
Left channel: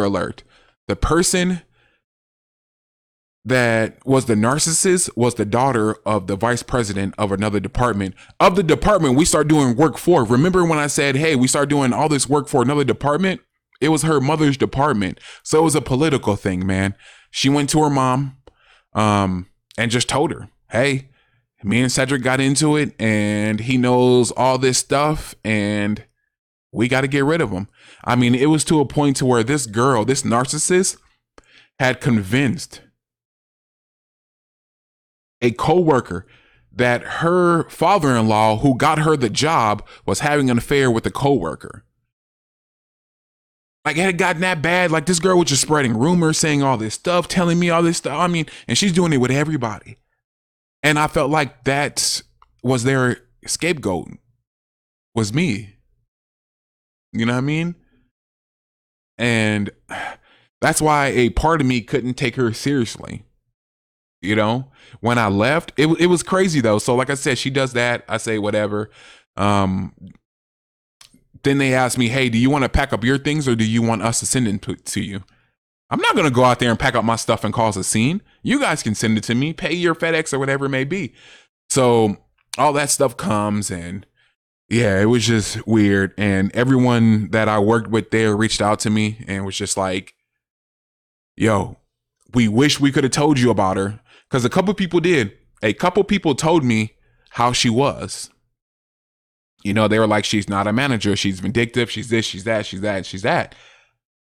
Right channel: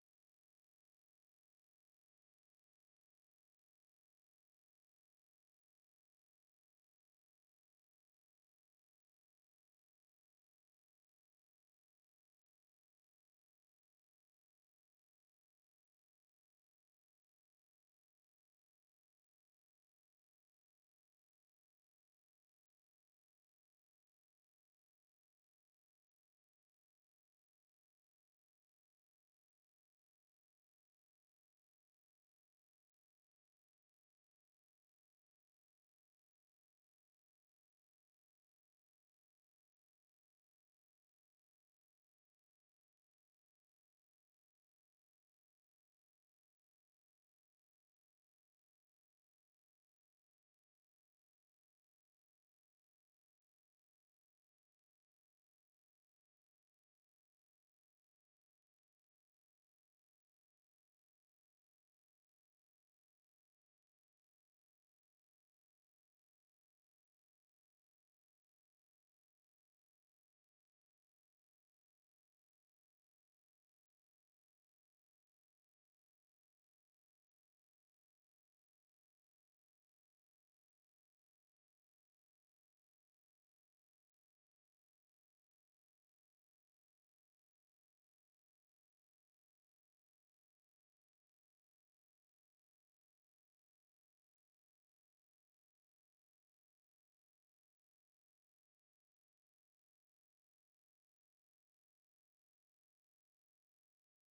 alert. The person that was the narcissist was the daughter of the vice president of another department. Of the department we start doing work for. Remember when I said, hey, we start doing all this work for another department? It was her mother's department. So it was a political thing, man. She went to her mom and just told her, hey, me and Cedric got into it and he knows all this stuff and we got to get rid of him. I mean, it was to a point to where this girl, this narcissist, had convinced a co-worker that her father-in-law who got her the job was having an affair with the co-worker. Like it had gotten that bad. Like this girl was just spreading rumors, saying all this stuff, telling me all this stuff. I mean, and she's doing it with everybody. And I felt like that was their scapegoat, was me. You know what I mean? And that's why a part of me couldn't take her seriously. You know, when I left, it was crazy though. So like I said, she does that. I say whatever. Then they asked me, hey, do you want to pack up your things or do you want us to send it to you? I'm not going to go out there and pack up my stuff and cause a scene. You guys can send it to me, pay your FedEx or whatever it may be. So all that stuff comes, and yeah, it was just weird. And everyone that I worked with there reached out to me and was just like, yo, we wish we could have told you about her. Because a couple people did. A couple people told me how she was. You know, they were like, she's not a manager. She's vindictive. She's this, she's that, she's that, she's that.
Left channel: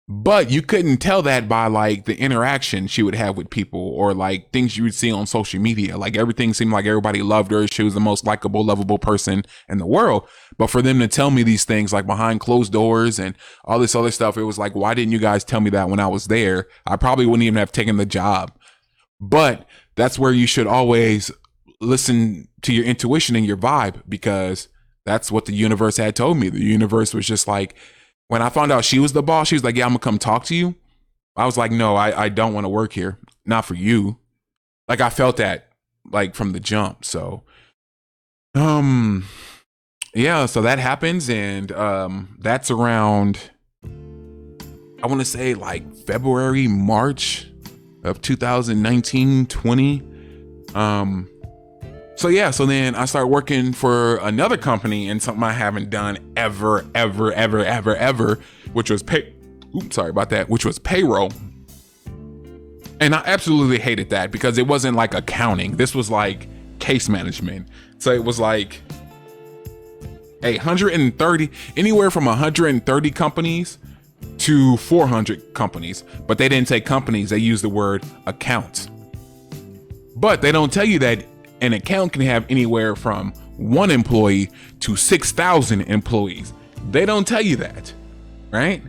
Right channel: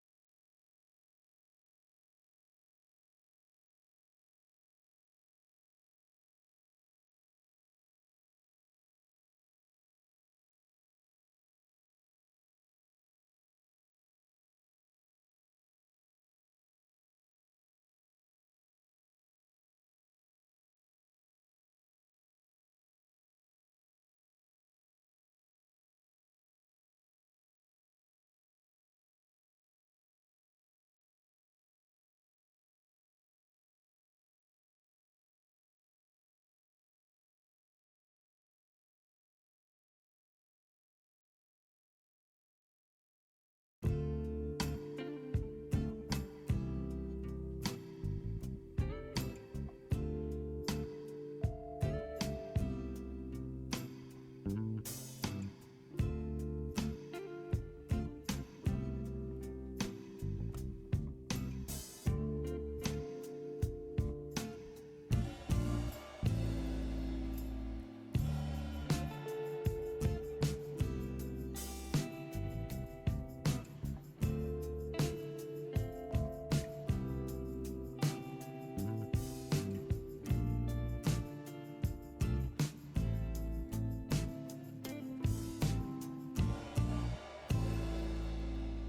But you couldn't tell that by like the interaction she would have with people or like things you would see on social media. Like everything seemed like everybody loved her. She was the most likable, lovable person in the world. But for them to tell me these things like behind closed doors and all this other stuff, it was like, why didn't you guys tell me that when I was there? I probably wouldn't even have taken the job. But that's where you should always listen to your intuition and your vibe, because that's what the universe had told me. The universe was just like, when I found out she was the boss, she was like, yeah, I'm gonna come talk to you. I was like, no, I don't want to work here. Not for you. Like I felt that like from the jump. So, yeah, so that happens. And, that's around, I want to say like February, March of 2019, 20. So yeah, so then I started working for another company and something I haven't done ever, which was which was payroll. And I absolutely hated that because it wasn't like accounting. This was like case management. So it was like 130, anywhere from 130 companies to 400 companies. But they didn't say companies, they used the word accounts. But they don't tell you that an account can have anywhere from 1 employee to 6,000 employees. They don't tell you that, right?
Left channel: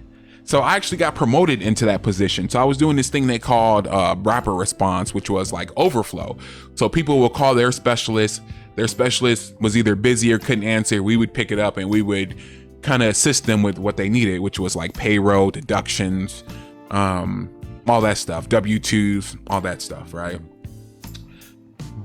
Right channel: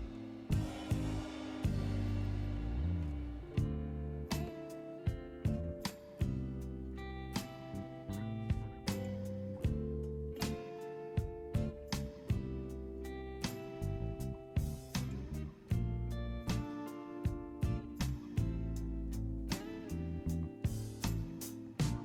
So I actually got promoted into that position. So I was doing this thing they called rapid response, which was like overflow. So people will call their specialist. Their specialist was either busy or couldn't answer. We would pick it up and we would kind of assist them with what they needed, which was like payroll, deductions, all that stuff, W-2s, all that stuff, right?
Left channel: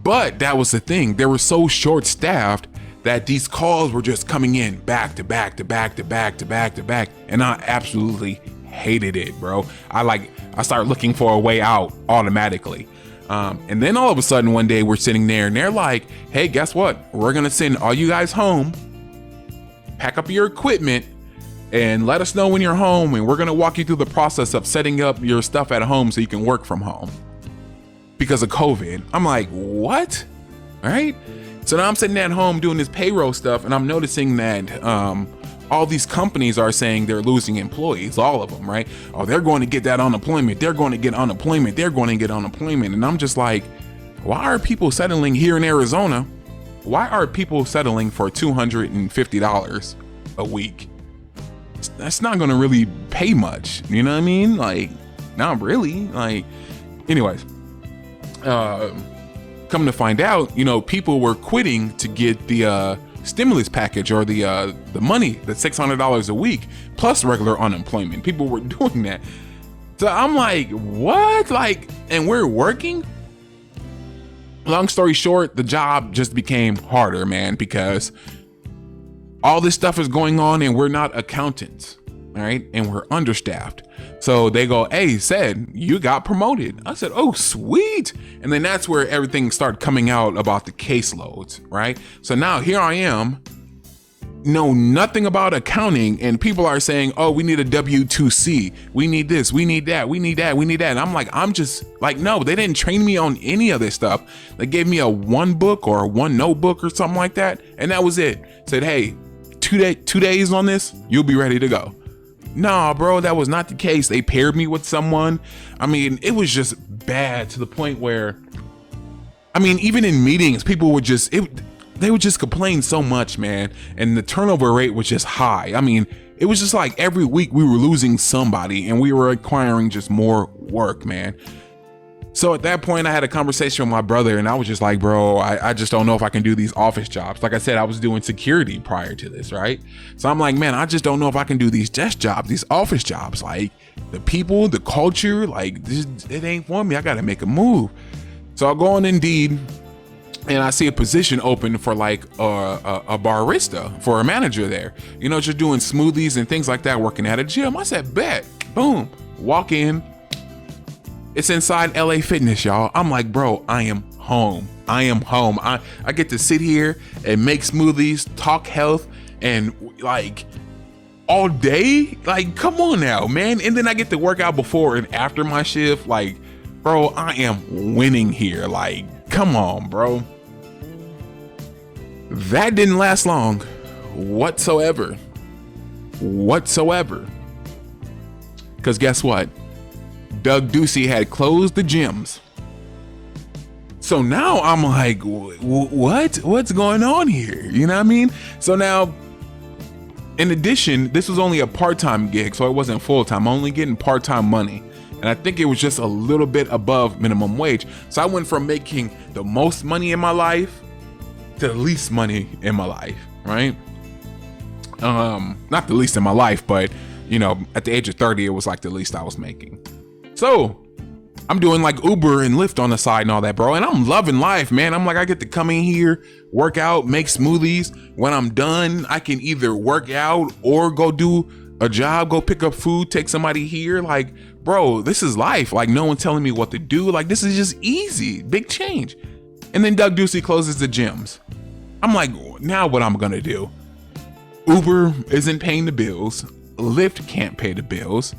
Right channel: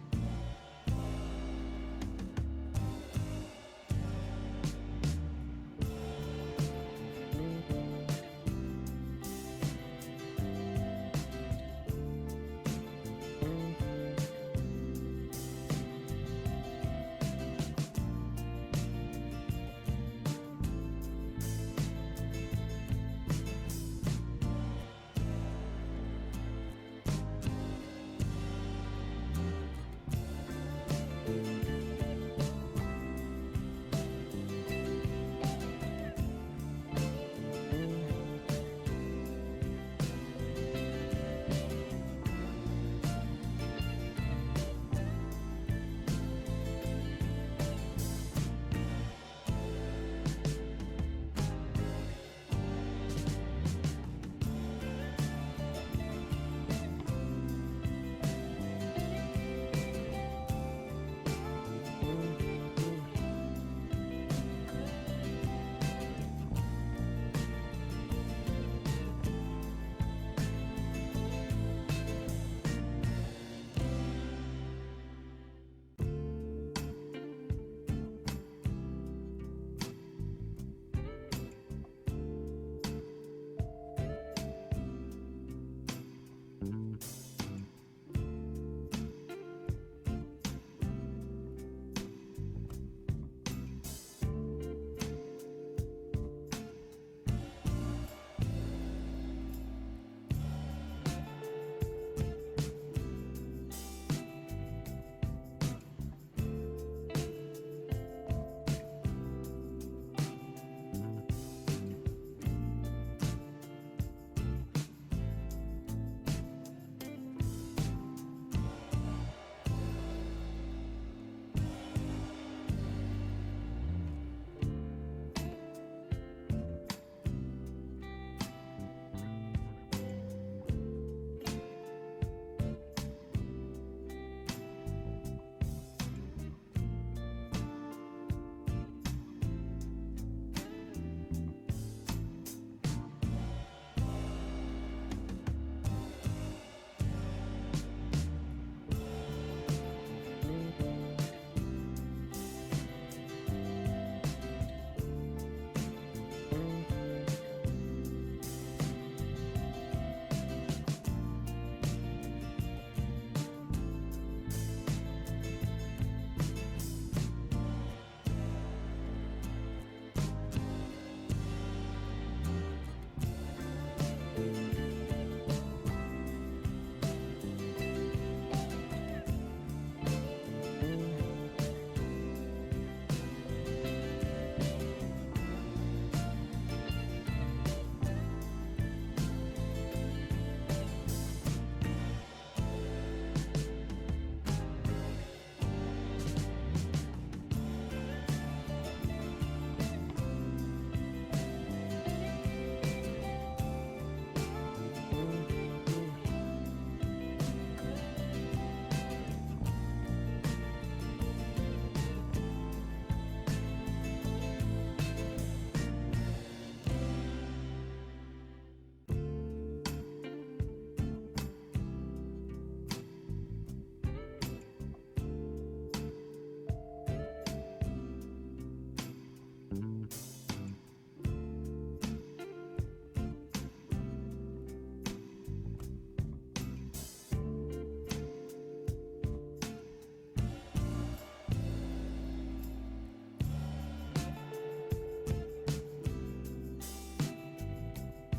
But that was the thing. They were so short-staffed that these calls were just coming in back to back to back to back to back to back. And I absolutely hated it, bro. I started looking for a way out automatically. And then all of a sudden one day we're sitting there and they're like, hey, guess what? We're going to send all you guys home, pack up your equipment, and let us know when you're home. And we're going to walk you through the process of setting up your stuff at home so you can work from home. Because of COVID. I'm like, what? All right. So now I'm sitting at home doing this payroll stuff, and I'm noticing that all these companies are saying they're losing employees, all of them, right? Oh, they're going to get that unemployment. They're going to get unemployment. They're going to get unemployment. And I'm just like, why are people settling here in Arizona? Why are people settling for $250 a week? That's not going to really pay much. You know what I mean? Like, not really. Like, anyways. Come to find out, you know, people were quitting to get the stimulus package or the money, the $600 a week plus regular unemployment. People were doing that. So I'm like, what? Like, and we're working? Long story short, the job just became harder, man, because all this stuff is going on and we're not accountants, all right? And we're understaffed. So they go, hey, said you got promoted. I said, oh, sweet. And then that's where everything started coming out about the caseloads, right? So now here I am, know nothing about accounting, and people are saying, oh, we need a W-2C. We need this, we need that, we need that, we need that. And I'm just like, no, they didn't train me on any of this stuff. They gave me a 1 book or a 1 notebook or something like that. And that was it. Said, hey, 2 days on this, you'll be ready to go. Nah, bro, that was not the case. They paired me with someone. I mean, it was just bad to the point where, I mean, even in meetings, people would just, they would just complain so much, man. And the turnover rate was just high. I mean, it was just like every week we were losing somebody and we were acquiring just more work, man. So at that point I had a conversation with my brother and I was just like, bro, I just don't know if I can do these office jobs. Like I said, I was doing security prior to this, right? So I'm like, man, I just don't know if I can do these desk jobs, these office jobs. Like the people, the culture, like it ain't for me. I gotta make a move. So I go on Indeed and I see a position open for like a barista, for a manager there. You know, just doing smoothies and things like that, working at a gym. I said, bet, boom, walk in. It's inside LA Fitness, y'all. I'm like, bro, I am home. I am home. I get to sit here and make smoothies, talk health, and like all day. Like, come on now, man. And then I get to work out before and after my shift. Like, bro, I am winning here. Like, come on, bro. That didn't last long whatsoever. Because guess what? Doug Ducey had closed the gyms. So now I'm like, what's going on here? You know what I mean? So now, in addition, this was only a part-time gig, so it wasn't full-time. I'm only getting part-time money. And I think it was just a little bit above minimum wage. So I went from making the most money in my life to the least money in my life, right? Not the least in my life, but you know, at the age of 30, it was like the least I was making. So I'm doing like Uber and Lyft on the side and all that, bro. And I'm loving life, man. I'm like, I get to come in here, work out, make smoothies. When I'm done, I can either work out or go do a job, go pick up food, take somebody here. Like, bro, this is life. Like, no one telling me what to do. Like, this is just easy, big change. And then Doug Ducey closes the gyms. I'm like, now what I'm gonna do? Uber isn't paying the bills. Lyft can't pay the bills.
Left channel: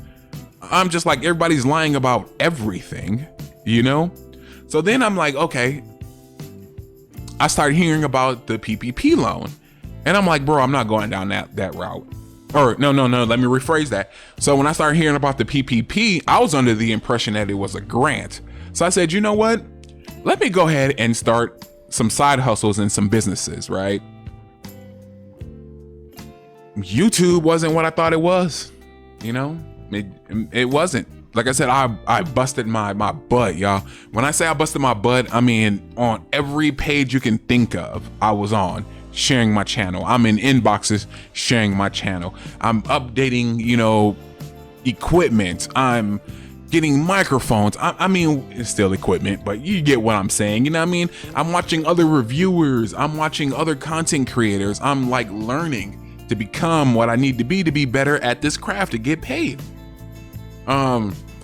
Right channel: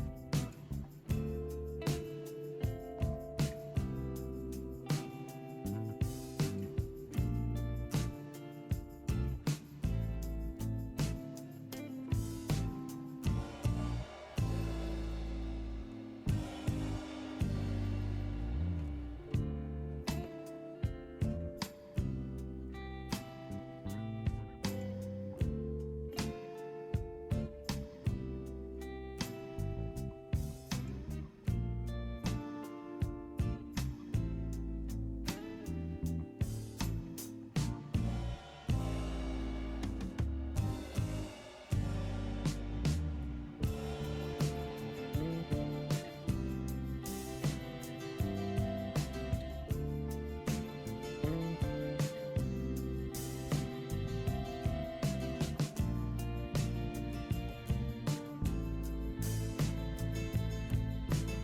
I'm just like, everybody's lying about everything, you know? So then I'm like, okay. I started hearing about the PPP loan. And I'm like, bro, I'm not going down that route. Or no, let me rephrase that. So when I started hearing about the PPP, I was under the impression that it was a grant. So I said, you know what? Let me go ahead and start some side hustles and some businesses, right? YouTube wasn't what I thought it was, you know? It wasn't. Like I said, I busted my butt, y'all. When I say I busted my butt, I mean on every page you can think of, I was on sharing my channel. I'm in inboxes sharing my channel. I'm updating, you know, equipment. I'm getting microphones. I mean, it's still equipment, but you get what I'm saying. You know what I mean? I'm watching other reviewers. I'm watching other content creators. I'm like learning to become what I need to be better at this craft to get paid.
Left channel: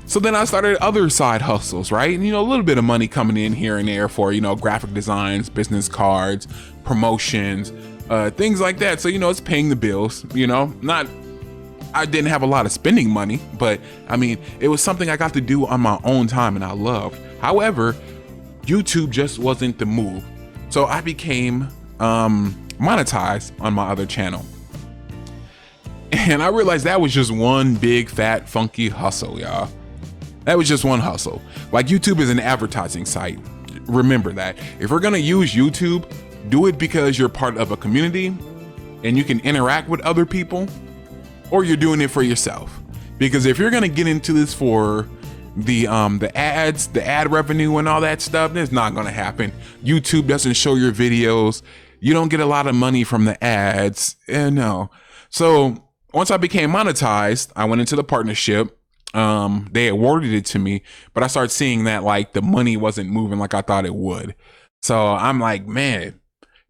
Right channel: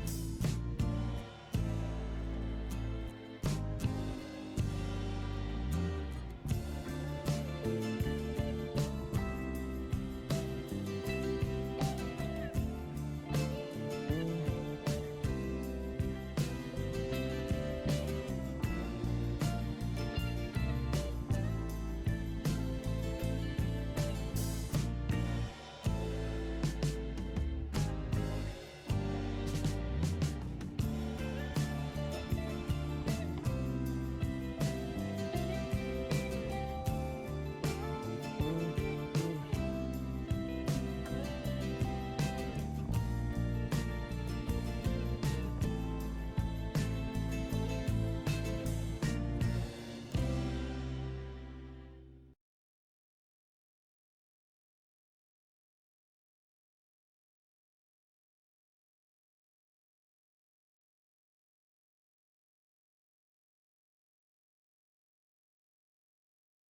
So then I started other side hustles, right? And, you know, a little bit of money coming in here and there for, you know, graphic designs, business cards, promotions, things like that. So, you know, it's paying the bills, you know, I didn't have a lot of spending money, but I mean, it was something I got to do on my own time and I loved. However, YouTube just wasn't the move. So I became, monetized on my other channel. And I realized that was just one big, fat, funky hustle, y'all. That was just one hustle. Like, YouTube is an advertising site. Remember that. If we're gonna use YouTube, do it because you're part of a community and you can interact with other people, or you're doing it for yourself. Because if you're gonna get into this for the ads, the ad revenue and all that stuff, it's not gonna happen. YouTube doesn't show your videos. You don't get a lot of money from the ads. No. So once I became monetized, I went into the partnership. They awarded it to me, but I started seeing that like the money wasn't moving like I thought it would. So I'm like, man,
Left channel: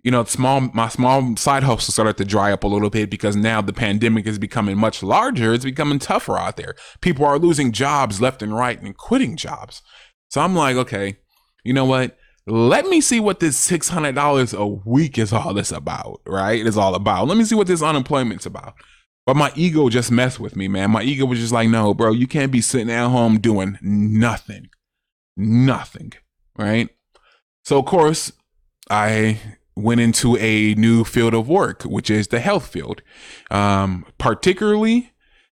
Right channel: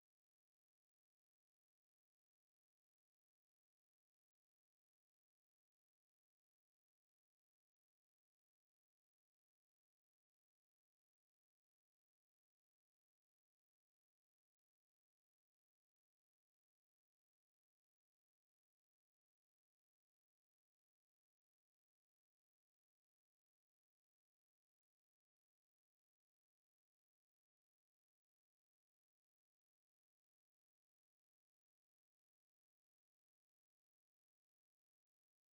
you know, my small side hustle started to dry up a little bit because now the pandemic is becoming much larger. It's becoming tougher out there. People are losing jobs left and right and quitting jobs. So I'm like, okay, you know what? Let me see what this $600 a week is all this about, right? It's all about. Let me see what this unemployment's about. But my ego just messed with me, man. My ego was just like, no, bro, you can't be sitting at home doing nothing, right? So of course, I went into a new field of work, which is the health field, particularly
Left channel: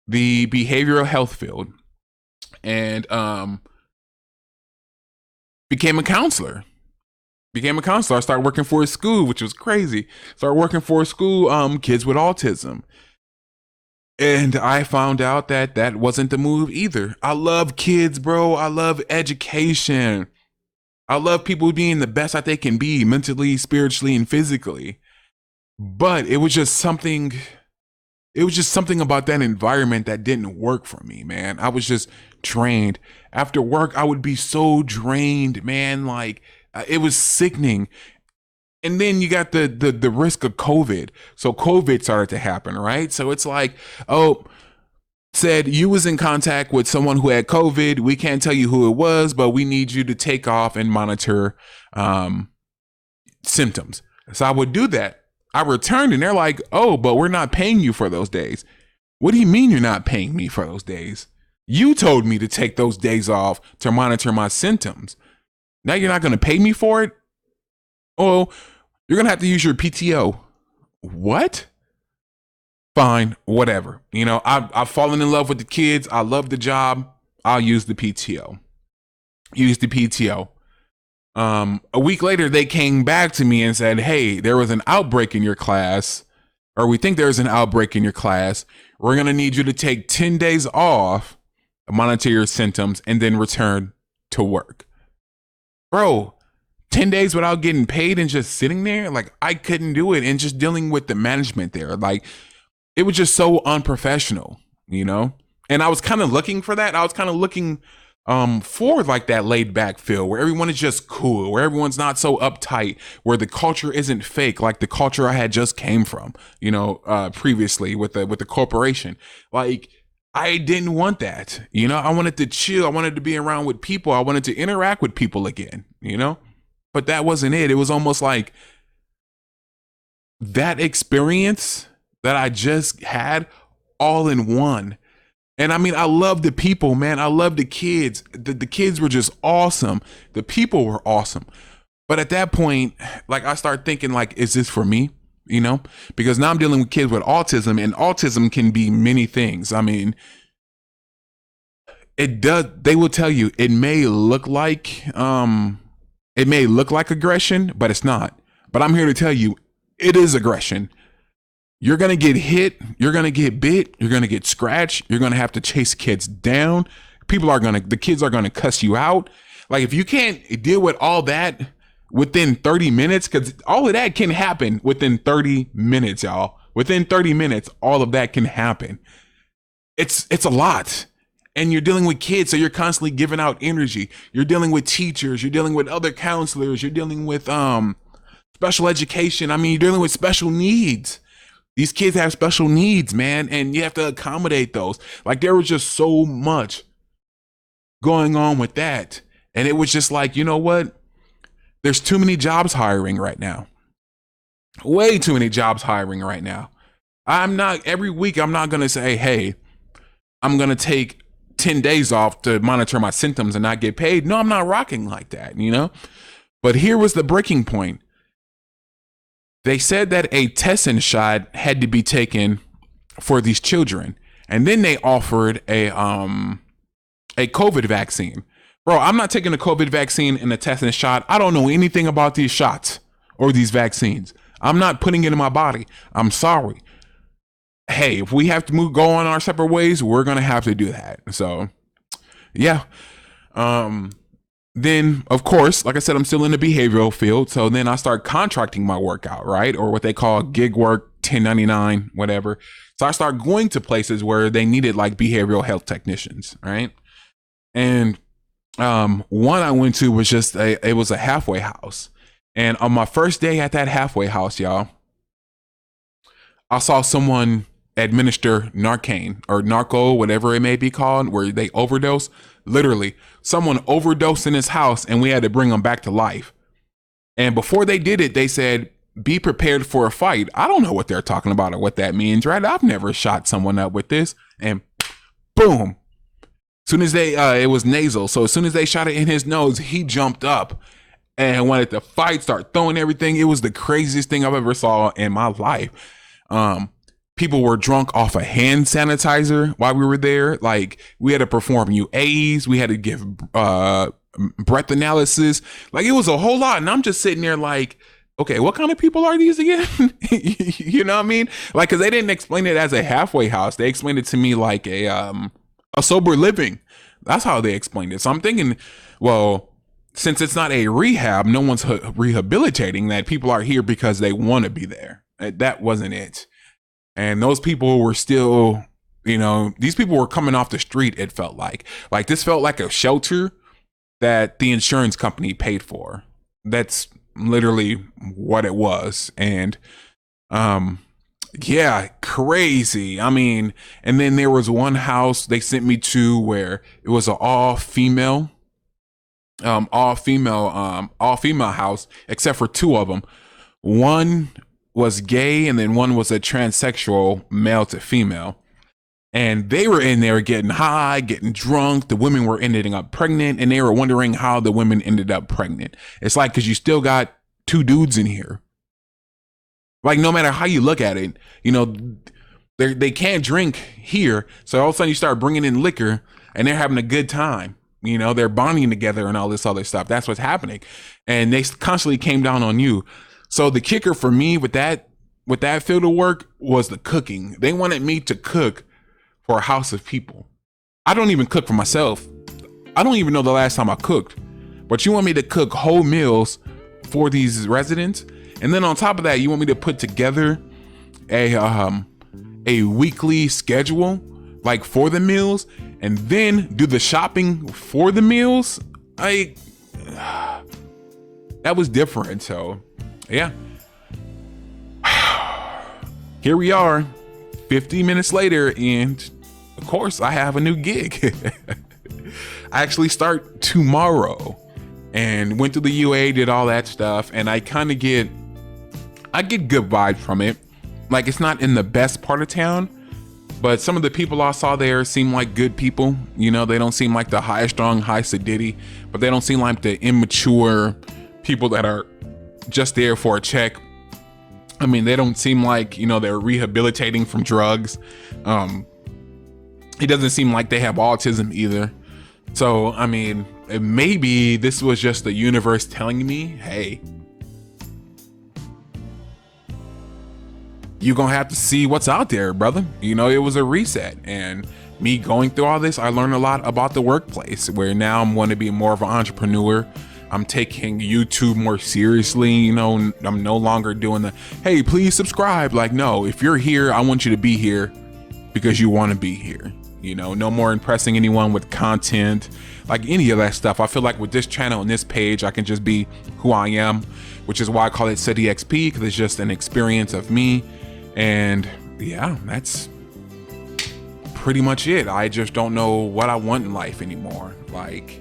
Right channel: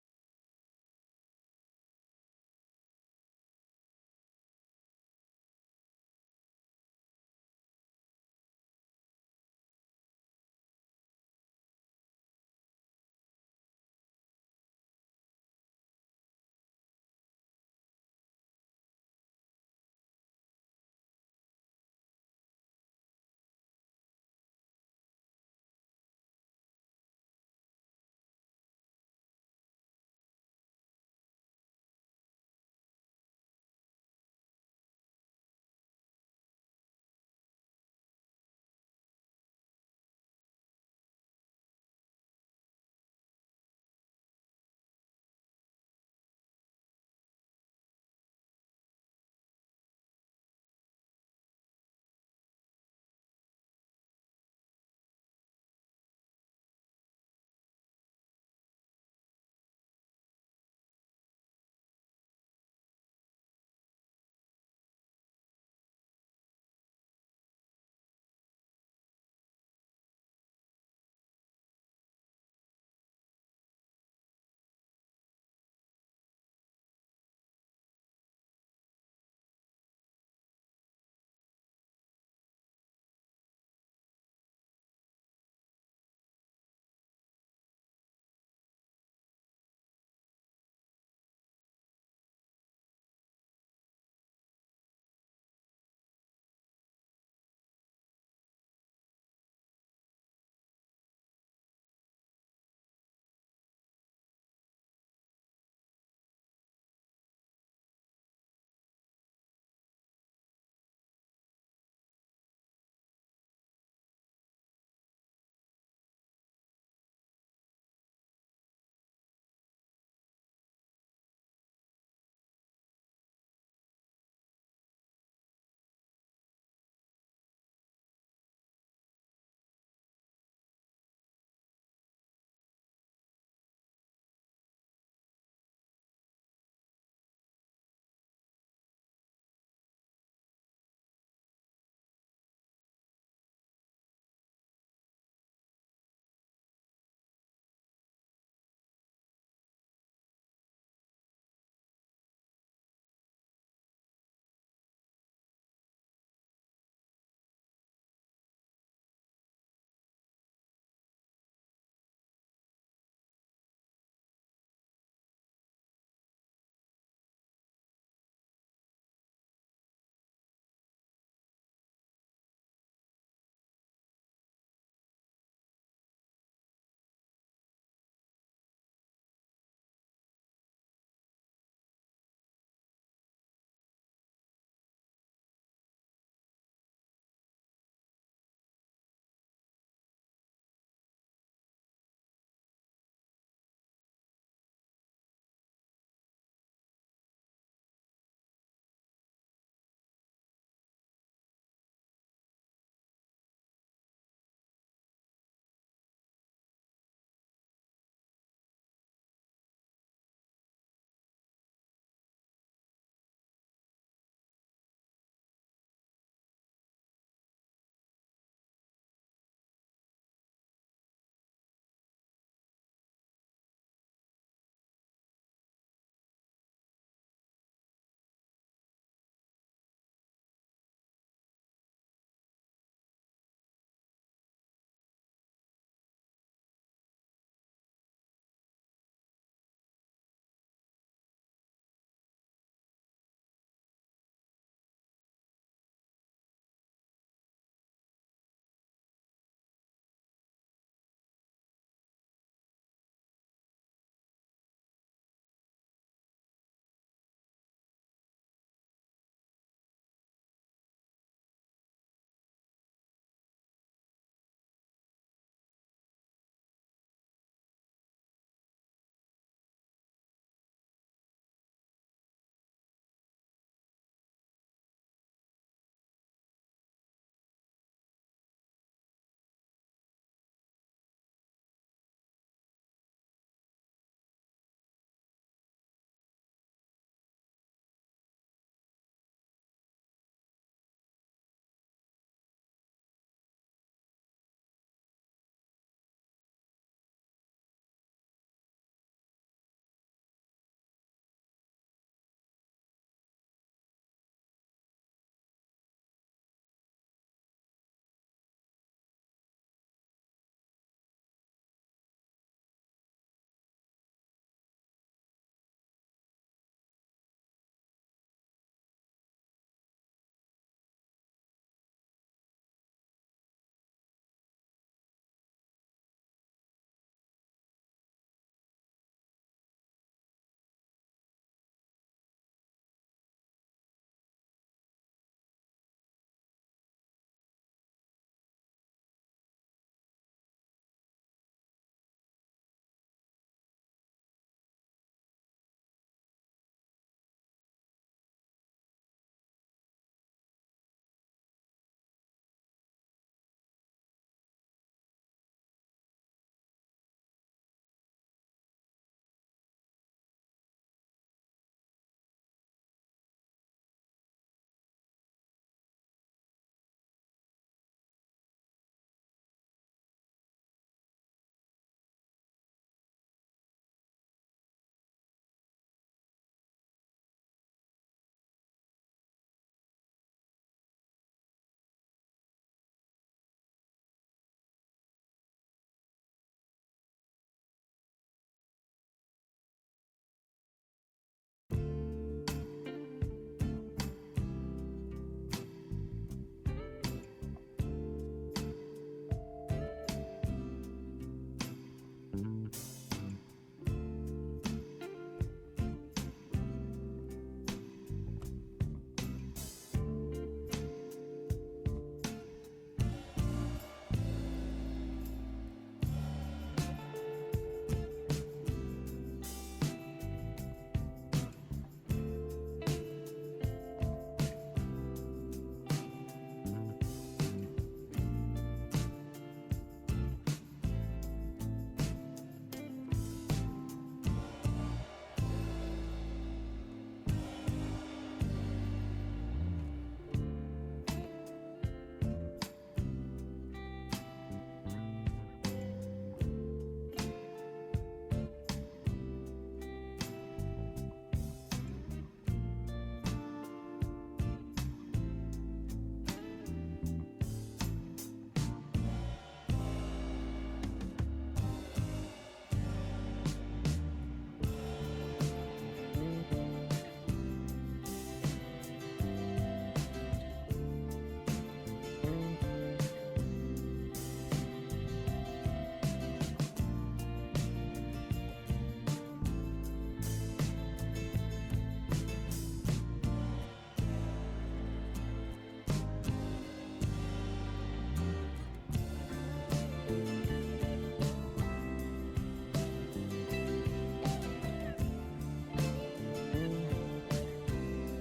the behavioral health field, and became a counselor. I started working for a school, which was crazy. Started working for a school, kids with autism. And I found out that that wasn't the move either. I love kids, bro. I love education. I love people being the best that they can be mentally, spiritually, and physically. But it was just something about that environment that didn't work for me, man. I was just drained. After work, I would be so drained, man. Like it was sickening. And then you got the risk of COVID. So COVID started to happen, right? So it's like, oh, said you was in contact with someone who had COVID. We can't tell you who it was, but we need you to take off and monitor um, symptoms. So I would do that. I returned and they're like, oh, but we're not paying you for those days. What do you mean you're not paying me for those days? You told me to take those days off to monitor my symptoms. Now you're not going to pay me for it? Oh, you're going to have to use your PTO. What? Fine, whatever. You know, I've fallen in love with the kids. I love the job. I'll use the PTO. Use the PTO. A week later, they came back to me and said, hey, there was an outbreak in your class, or we think there's an outbreak in your class. We're going to need you to take 10 days off, monitor your symptoms, and then return to work. Bro, 10 days without getting paid and just sitting there? Like, I couldn't do it. And just dealing with the management there. Like, it was just so unprofessional, you know? And I was kind of looking for that. I was kind of looking for like that laid back feel where everyone is just cool, where everyone's not so uptight, where the culture isn't fake, like the culture I had just came from, you know, previously with the corporation. Like, I didn't want that, you know. I wanted to chill. I wanted to be around with people. I wanted to interact with people again, you know. But that wasn't it. It was almost like that experience that I just had all in one. And I mean, I love the people, man. I love the kids. The kids were just awesome. The people were awesome. But at that point, like I start thinking, like, is this for me? You know, because now I'm dealing with kids with autism, and autism can be many things. I mean, it does. They will tell you it may look like aggression, but it's not. But I'm here to tell you, it is aggression. You're going to get hit. You're going to get bit. You're going to get scratched. You're going to have to chase kids down. The kids are going to cuss you out. Like, if you can't deal with all that within 30 minutes, because all of that can happen within 30 minutes, y'all. Within 30 minutes, all of that can happen. It's a lot. And you're dealing with kids, so you're constantly giving out energy. You're dealing with teachers. You're dealing with other counselors. You're dealing with special education. I mean, you're dealing with special needs. These kids have special needs, man, and you have to accommodate those. Like, there was just so much going on with that. And it was just like, you know what? There's too many jobs hiring right now. Way too many jobs hiring right now. Every week, I'm not going to say, hey, I'm going to take 10 days off to monitor my symptoms and not get paid. No, I'm not rocking like that, you know? But here was the breaking point. They said that a testing shot had to be taken for these children, and then they offered a COVID vaccine. Bro, I'm not taking a COVID vaccine and a testing shot. I don't know anything about these shots or these vaccines. I'm not putting it in my body. I'm sorry. Hey, if we have to go on our separate ways, we're gonna have to do that. So, yeah. Then, of course, like I said, I'm still in the behavioral field. So then I start contracting my workout, right? Or what they call gig work, 1099, whatever. So I start going to places where they needed like behavioral health technicians, right? And one I went to was it was a halfway house. And on my first day at that halfway house, y'all, I saw someone administer Narcan or Narco, whatever it may be called, where they overdose. Literally, someone overdosed in his house and we had to bring him back to life. And before they did it, they said, be prepared for a fight. I don't know what they're talking about or what that means, right? I've never shot someone up with this. And boom. As soon as it was nasal. So as soon as they shot it in his nose, he jumped up and wanted to fight, start throwing everything. It was the craziest thing I've ever saw in my life. People were drunk off of hand sanitizer while we were there. Like, we had to perform UAs. We had to give breath analysis. Like, it was a whole lot. And I'm just sitting there like, okay, what kind of people are these again? You know what I mean? Like, cause they didn't explain it as a halfway house. They explained it to me like a sober living. That's how they explained it. So I'm thinking, well, since it's not a rehab, no one's rehabilitating, that people are here because they want to be there. That wasn't it. And those people were still, you know, these people were coming off the street. It felt like this felt like a shelter that the insurance company paid for. That's literally what it was. And yeah, crazy. I mean, and then there was one house they sent me to where it was an all female house, except for two of them. One was gay and then one was a transsexual, male to female. And they were in there getting high, getting drunk. The women were ending up pregnant, and they were wondering how the women ended up pregnant. It's like, because you still got two dudes in here. Like, no matter how you look at it, you know, they can't drink here. So all of a sudden you start bringing in liquor and they're having a good time. You know, they're bonding together and all this other stuff. That's what's happening. And they constantly came down on you. So the kicker for me with that field of work was the cooking. They wanted me to cook for a house of people. I don't even cook for myself. I don't even know the last time I cooked. But you want me to cook whole meals for these residents? And then on top of that, you want me to put together a weekly schedule, like for the meals, and then do the shopping for the meals? That was different. So yeah. Here we are, 50 minutes later, and of course I have a new gig. I actually start tomorrow, and went to the UA, did all that stuff, and I get good vibes from it. Like, it's not in the best part of town, but some of the people I saw there seem like good people. You know, they don't seem like the high strung, high sedity, but they don't seem like the immature people that are just there for a check. I mean, they don't seem like, you know, they're rehabilitating from drugs. It doesn't seem like they have autism either. So, I mean, maybe this was just the universe telling me, hey, you're gonna have to see what's out there, brother. You know, it was a reset. And me going through all this, I learned a lot about the workplace, where now I'm going to be more of an entrepreneur. I'm taking YouTube more seriously. You know, I'm no longer doing the, hey, please subscribe. Like, no, if you're here, I want you to be here because you want to be here. You know, no more impressing anyone with content, like any of that stuff. I feel like with this channel and this page, I can just be who I am, which is why I call it City XP, because it's just an experience of me. And yeah, that's pretty much it. I just don't know what I want in life anymore. Like,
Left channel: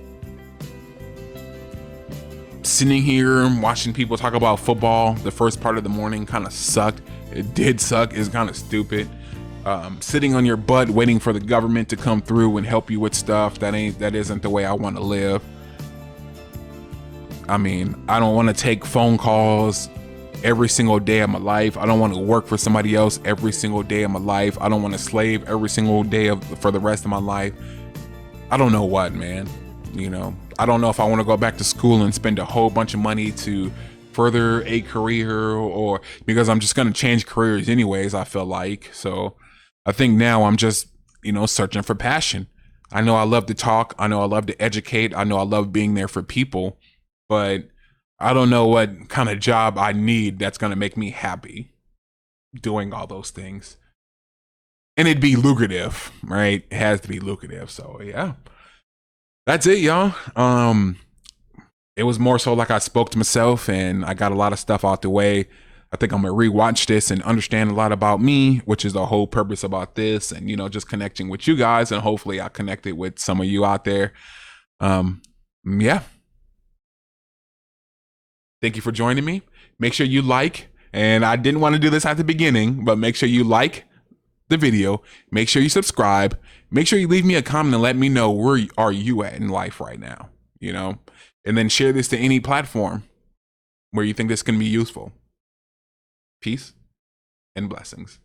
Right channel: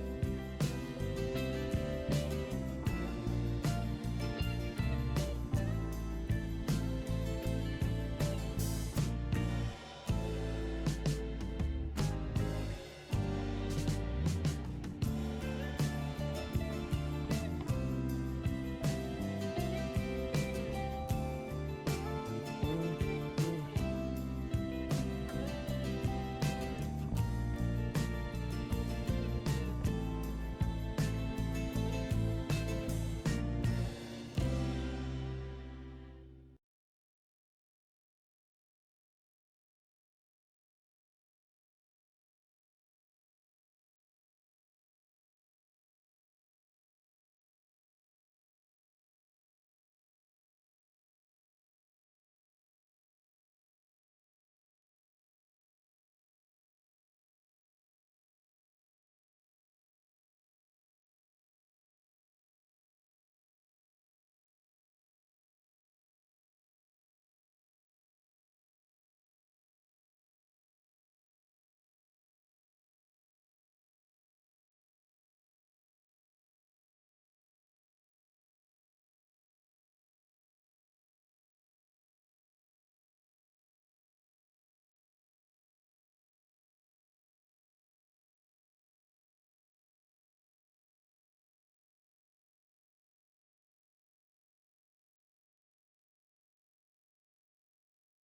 sitting here and watching people talk about football the first part of the morning kind of sucked. It did suck. It's kind of stupid. Sitting on your butt waiting for the government to come through and help you with stuff that isn't the way I want to live. I mean, I don't want to take phone calls every single day of my life. I don't want to work for somebody else every single day of my life. I don't want to slave every single day for the rest of my life. I don't know what, man. You know, I don't know if I want to go back to school and spend a whole bunch of money to further a career, or because I'm just going to change careers anyways, I feel like. So I think now I'm just, you know, searching for passion. I know I love to talk. I know I love to educate. I know I love being there for people, but I don't know what kind of job I need that's going to make me happy doing all those things. And it'd be lucrative, right? It has to be lucrative. So yeah, that's it, y'all. It was more so like I spoke to myself and I got a lot of stuff out the way. I think I'm gonna rewatch this and understand a lot about me, which is the whole purpose about this, and, you know, just connecting with you guys, and hopefully I connected with some of you out there. Yeah. Thank you for joining me. Make sure you like, and I didn't want to do this at the beginning, but make sure you like the video. Make sure you subscribe. Make sure you leave me a comment and let me know where are you at in life right now, you know, and then share this to any platform where you think this can be useful. Peace and blessings.